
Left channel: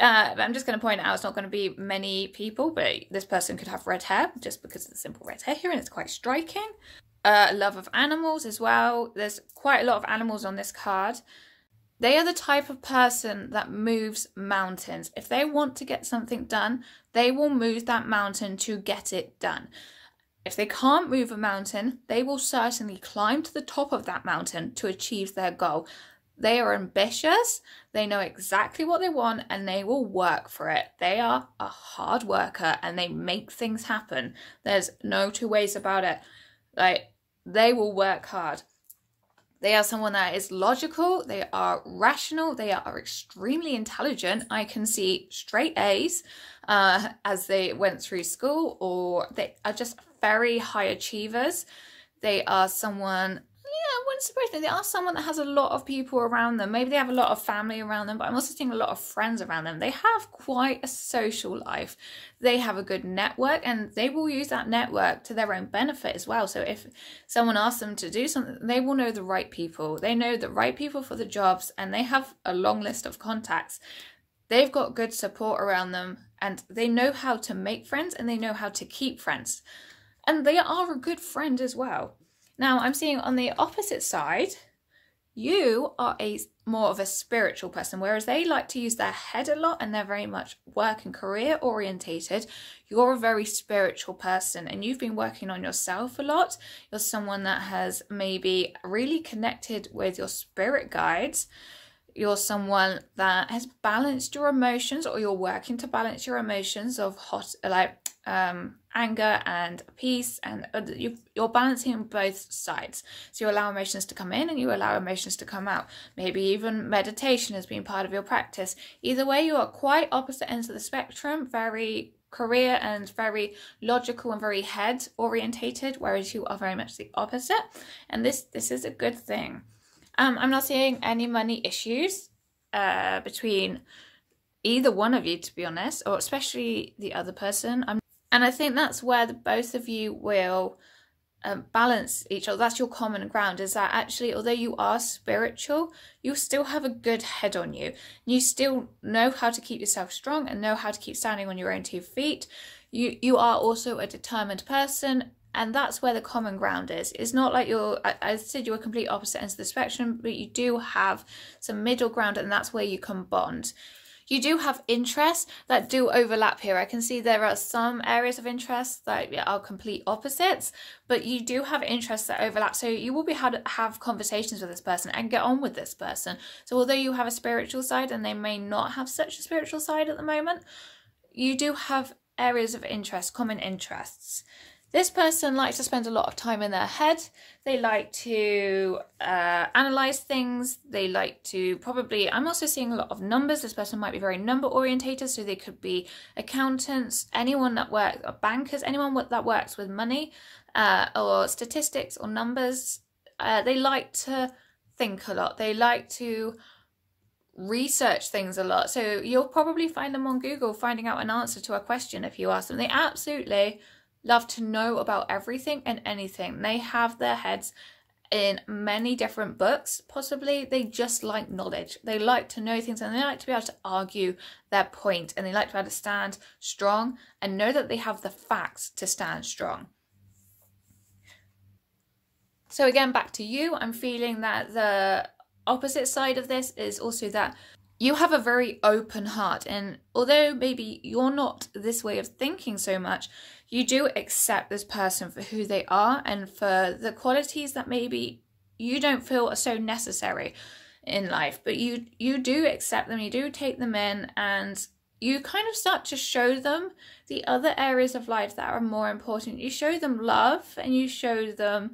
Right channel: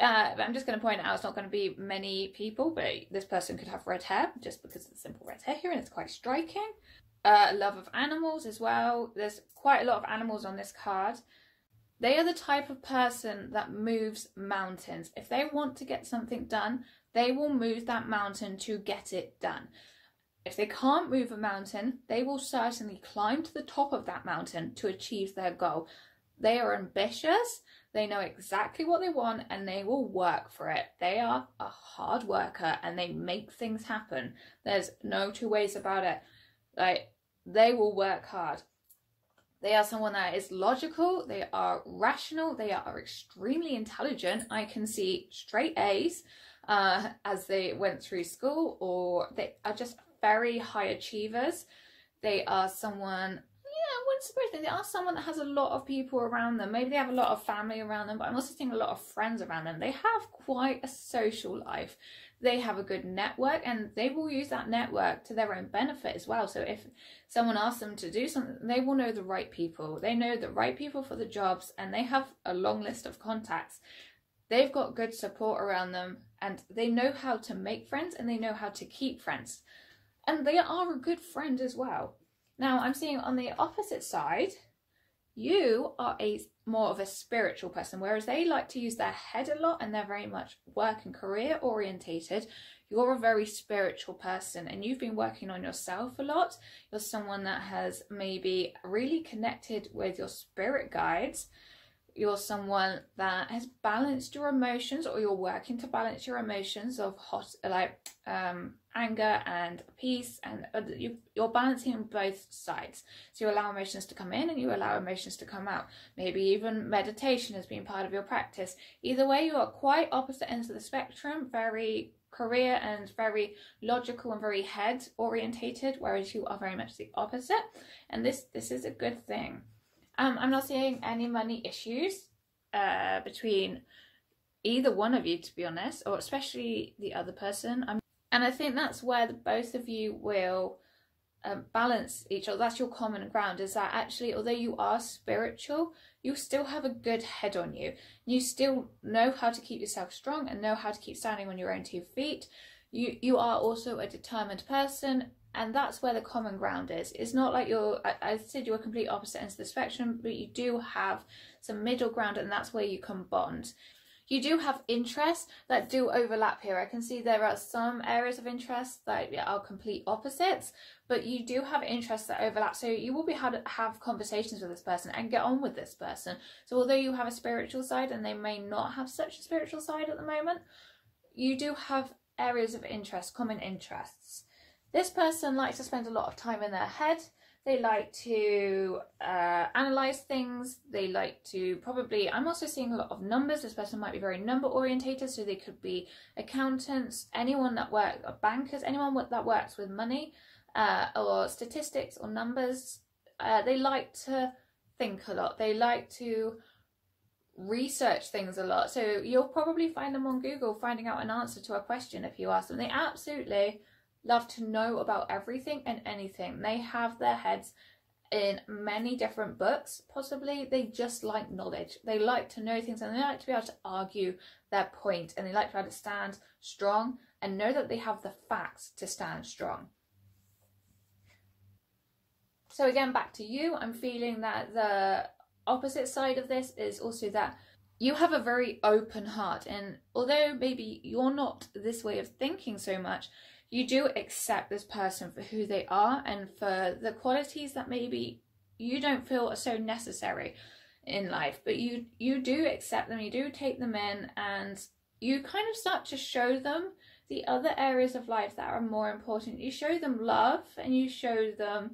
But I'm just going to point out it's not going to be many people, but this person could have red hair, just because of the simple red hair here, and it's quite striking. Love of animals as well. There's quite a lot of animals on this card. They are the type of person that moves mountains. If they want to get something done, they will move that mountain to get it done. If they can't move a mountain, they will certainly climb to the top of that mountain to achieve their goal. They are ambitious, they know exactly what they want, and they will work for it. They are a hard worker and they make things happen. There's no 2 ways about it. Like, they will work hard. They are someone that is logical, they are rational, they are extremely intelligent. I can see straight A's as they went through school, or they are just very high achievers. They are someone, I wouldn't surprise me, they are someone that has a lot of people around them. Maybe they have a lot of family around them, but I'm also seeing a lot of friends around them. They have quite a social life. They have a good network, and they will use that network to their own benefit as well. So if someone asks them to do something, they will know the right people. They know the right people for the jobs, and they have a long list of contacts. They've got good support around them, and they know how to make friends, and they know how to keep friends. And they are a good friend as well. Now, I'm seeing on the opposite side, you are more of a spiritual person, whereas they like to use their head a lot and they're very much work and career orientated. You're a very spiritual person, and you've been working on yourself a lot. You're someone that has maybe really connected with your spirit guides. You're someone that has balanced your emotions, or you're working to balance your emotions of anger and peace, and you're balancing both sides. So you allow emotions to come in and you allow emotions to come out. Maybe even meditation has been part of your practice. Either way, you are quite opposite ends of the spectrum, very career and very logical and very head orientated, whereas you are very much the opposite. And this is a good thing. I'm not seeing any money issues between either one of you, to be honest, or especially the other person. And I think that's where the both of you will balance each other. That's your common ground, is that actually, although you are spiritual, you still have a good head on you. You still know how to keep yourself strong and know how to keep standing on your own 2 feet. You are also a determined person. And that's where the common ground is. It's not like I said you're a complete opposite ends of the spectrum, but you do have some middle ground, and that's where you can bond. You do have interests that do overlap here. I can see there are some areas of interest that are complete opposites, but you do have interests that overlap. So you will be able to have conversations with this person and get on with this person. So although you have a spiritual side and they may not have such a spiritual side at the moment, you do have areas of interest, common interests. This person likes to spend a lot of time in their head. They like to analyze things. They like to I'm also seeing a lot of numbers. This person might be very number orientated, so they could be accountants, anyone that works, or bankers, anyone that works with money or statistics or numbers. They like to think a lot. They like to research things a lot. So you'll probably find them on Google finding out an answer to a question if you ask them. They absolutely love to know about everything and anything. They have their heads in many different books, possibly. They just like knowledge. They like to know things, and they like to be able to argue their point, and they like to be able to stand strong and know that they have the facts to stand strong. So again, back to you, I'm feeling that the opposite side of this is also that you have a very open heart, and although maybe you're not this way of thinking so much, you do accept this person for who they are and for the qualities that maybe you don't feel are so necessary in life, but you do accept them, you do take them in, and you kind of start to show them the other areas of life that are more important. You show them love, and you show them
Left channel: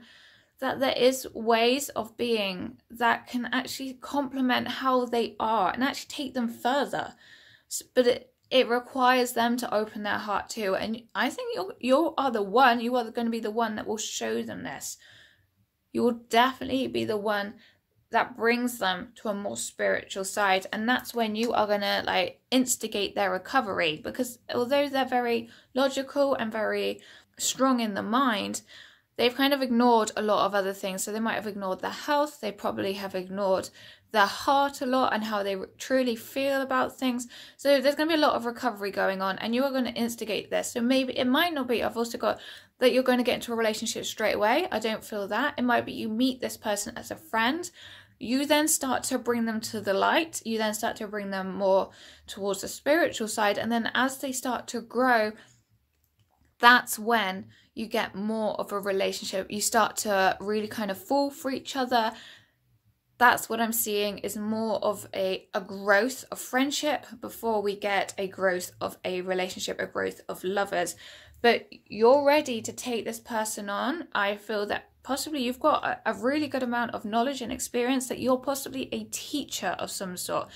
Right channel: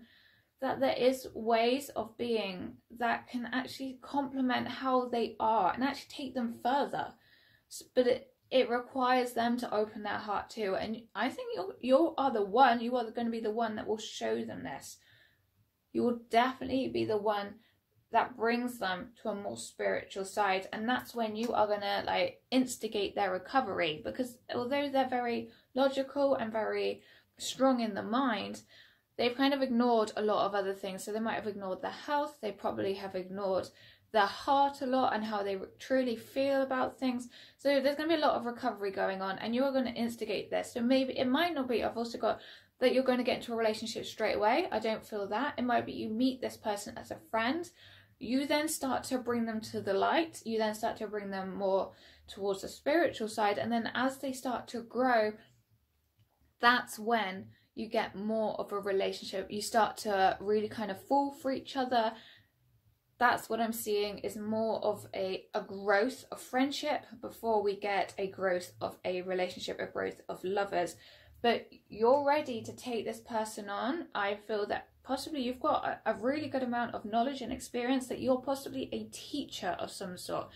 that there is ways of being that can actually complement how they are and actually take them further. But it requires them to open their heart too. And I think you are going to be the one that will show them this. You will definitely be the one that brings them to a more spiritual side, and that's when you are going to like instigate their recovery, because although they're very logical and very strong in the mind, they've kind of ignored a lot of other things. So they might have ignored their health, they probably have ignored their heart a lot and how they truly feel about things. So there's going to be a lot of recovery going on, and you are going to instigate this. So maybe it might not be, I've also got that you're going to get into a relationship straight away. I don't feel that. It might be you meet this person as a friend, you then start to bring them to the light, you then start to bring them more towards the spiritual side, and then as they start to grow, that's when you get more of a relationship. You start to really kind of fall for each other. That's what I'm seeing, is more of a growth of friendship before we get a growth of a relationship, a growth of lovers. But you're ready to take this person on. I feel that possibly you've got a really good amount of knowledge and experience, that you're possibly a teacher of some sort.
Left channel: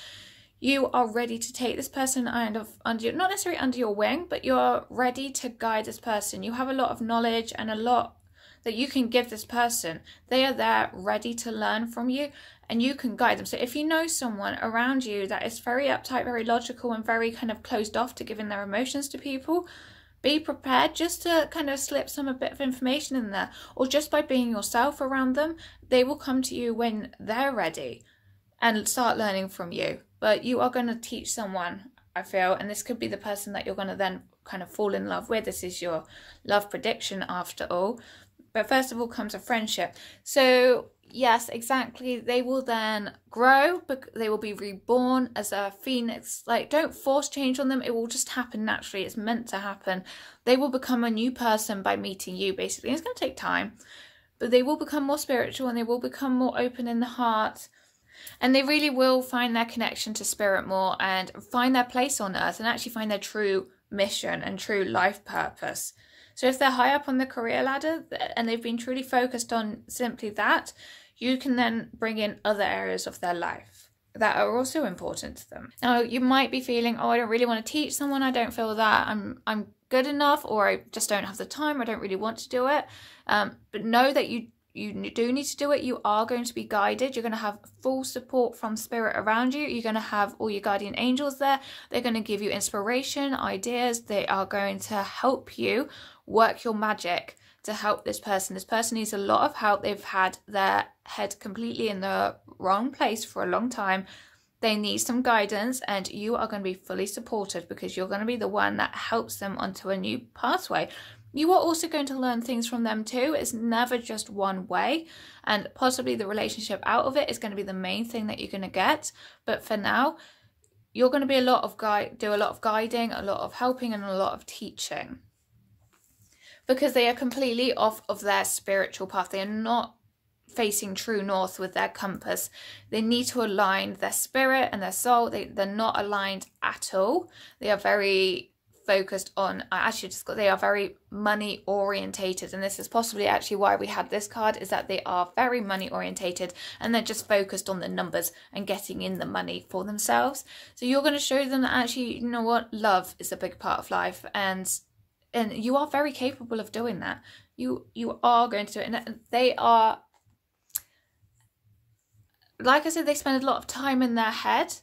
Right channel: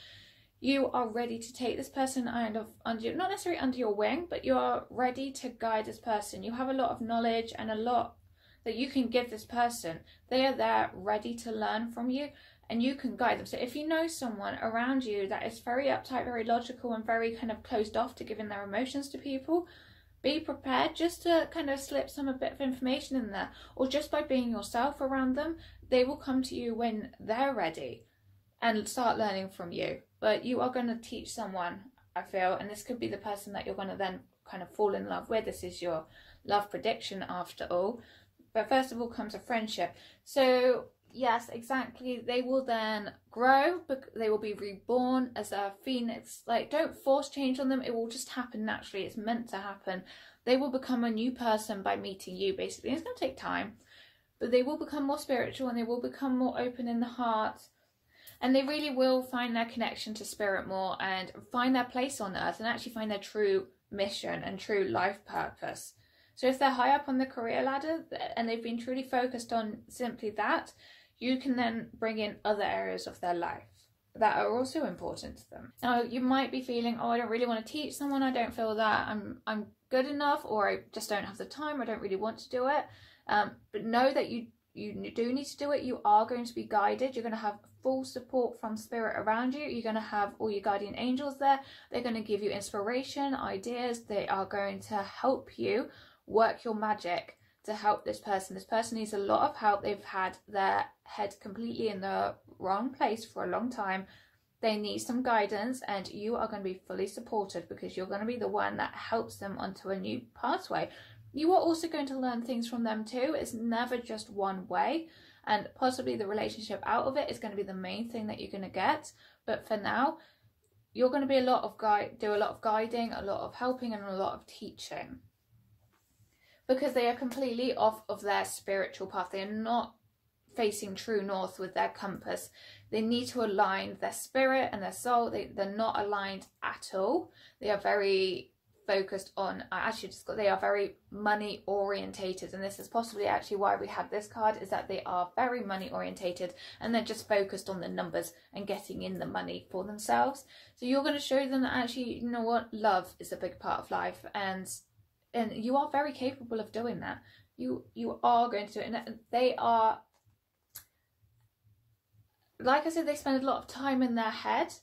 You are ready to take this person not necessarily under your wing, but you're ready to guide this person. You have a lot of knowledge and a lot that you can give this person. They are there ready to learn from you, and you can guide them. So if you know someone around you that is very uptight, very logical, and very kind of closed off to giving their emotions to people, be prepared just to kind of slip a bit of information in there, or just by being yourself around them, they will come to you when they're ready and start learning from you. But you are going to teach someone, I feel, and this could be the person that you're going to then kind of fall in love with. This is your love prediction after all. But first of all comes a friendship. So yes, exactly. They will then grow, but they will be reborn as a phoenix. Like, don't force change on them. It will just happen naturally. It's meant to happen. They will become a new person by meeting you, basically. It's going to take time, but they will become more spiritual, and they will become more open in the heart. And they really will find their connection to spirit more, and find their place on earth, and actually find their true mission and true life purpose. So if they're high up on the career ladder and they've been truly focused on simply that, you can then bring in other areas of their life that are also important to them. Now, you might be feeling, oh, I don't really want to teach someone. I don't feel that I'm good enough, or I just don't have the time. I don't really want to do it. But know that you do need to do it. You are going to be guided. You're going to have full support from spirit around you. You're going to have all your guardian angels there. They're going to give you inspiration, ideas. They are going to help you work your magic to help this person. This person needs a lot of help. They've had their head completely in the wrong place for a long time. They need some guidance, and you are going to be fully supported, because you're going to be the one that helps them onto a new pathway. You are also going to learn things from them too. It's never just one way, and possibly the relationship out of it is going to be the main thing that you're going to get. But for now, you're going to be do a lot of guiding, a lot of helping, and a lot of teaching, because they are completely off of their spiritual path. They are not facing true north with their compass. They need to align their spirit and their soul. They're not aligned at all. They are very focused on, they are very money orientated, and this is possibly actually why we had this card, is that they are very money orientated, and they're just focused on the numbers and getting in the money for themselves. So you're going to show them that actually, you know what, love is a big part of life, and you are very capable of doing that. You are going to do it, and they are, like I said, they spend a lot of time in their head.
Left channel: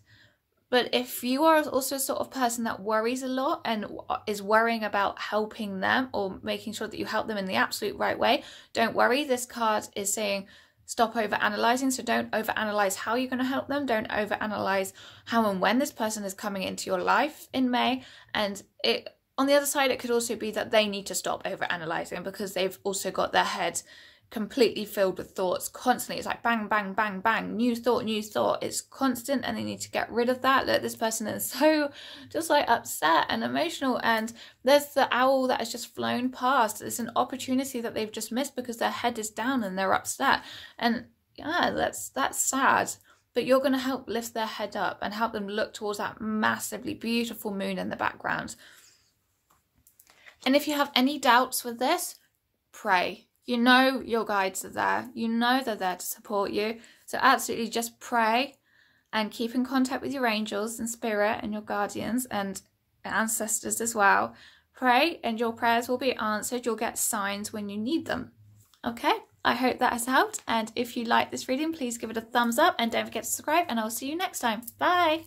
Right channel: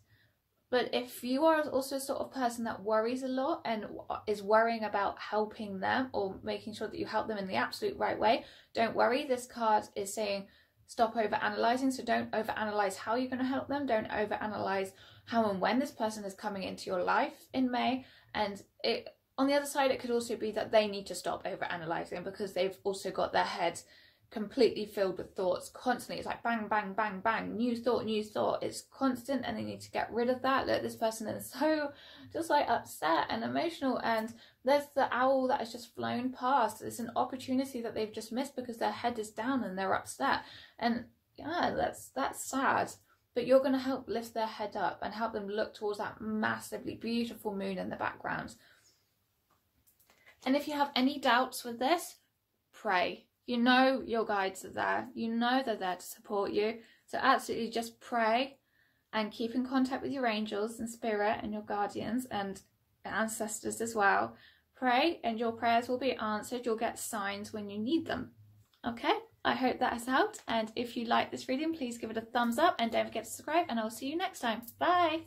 But if you are also a sort of person that worries a lot and is worrying about helping them or making sure that you help them in the absolute right way, don't worry. This card is saying stop over-analysing. So don't over-analyse how you're going to help them. Don't over-analyse how and when this person is coming into your life in May. And on the other side, it could also be that they need to stop over-analysing, because they've also got their head completely filled with thoughts constantly. It's like bang, bang, bang, bang, new thought, new thought. It's constant, and they need to get rid of that. Look, this person is so just like upset and emotional, and there's the owl that has just flown past. It's an opportunity that they've just missed because their head is down and they're upset. And yeah, that's sad. But you're going to help lift their head up and help them look towards that massively beautiful moon in the background. And if you have any doubts with this, pray. You know your guides are there. You know they're there to support you. So absolutely just pray and keep in contact with your angels and spirit and your guardians and ancestors as well. Pray and your prayers will be answered. You'll get signs when you need them. Okay, I hope that has helped. And if you like this reading, please give it a thumbs up and don't forget to subscribe, and I'll see you next time. Bye.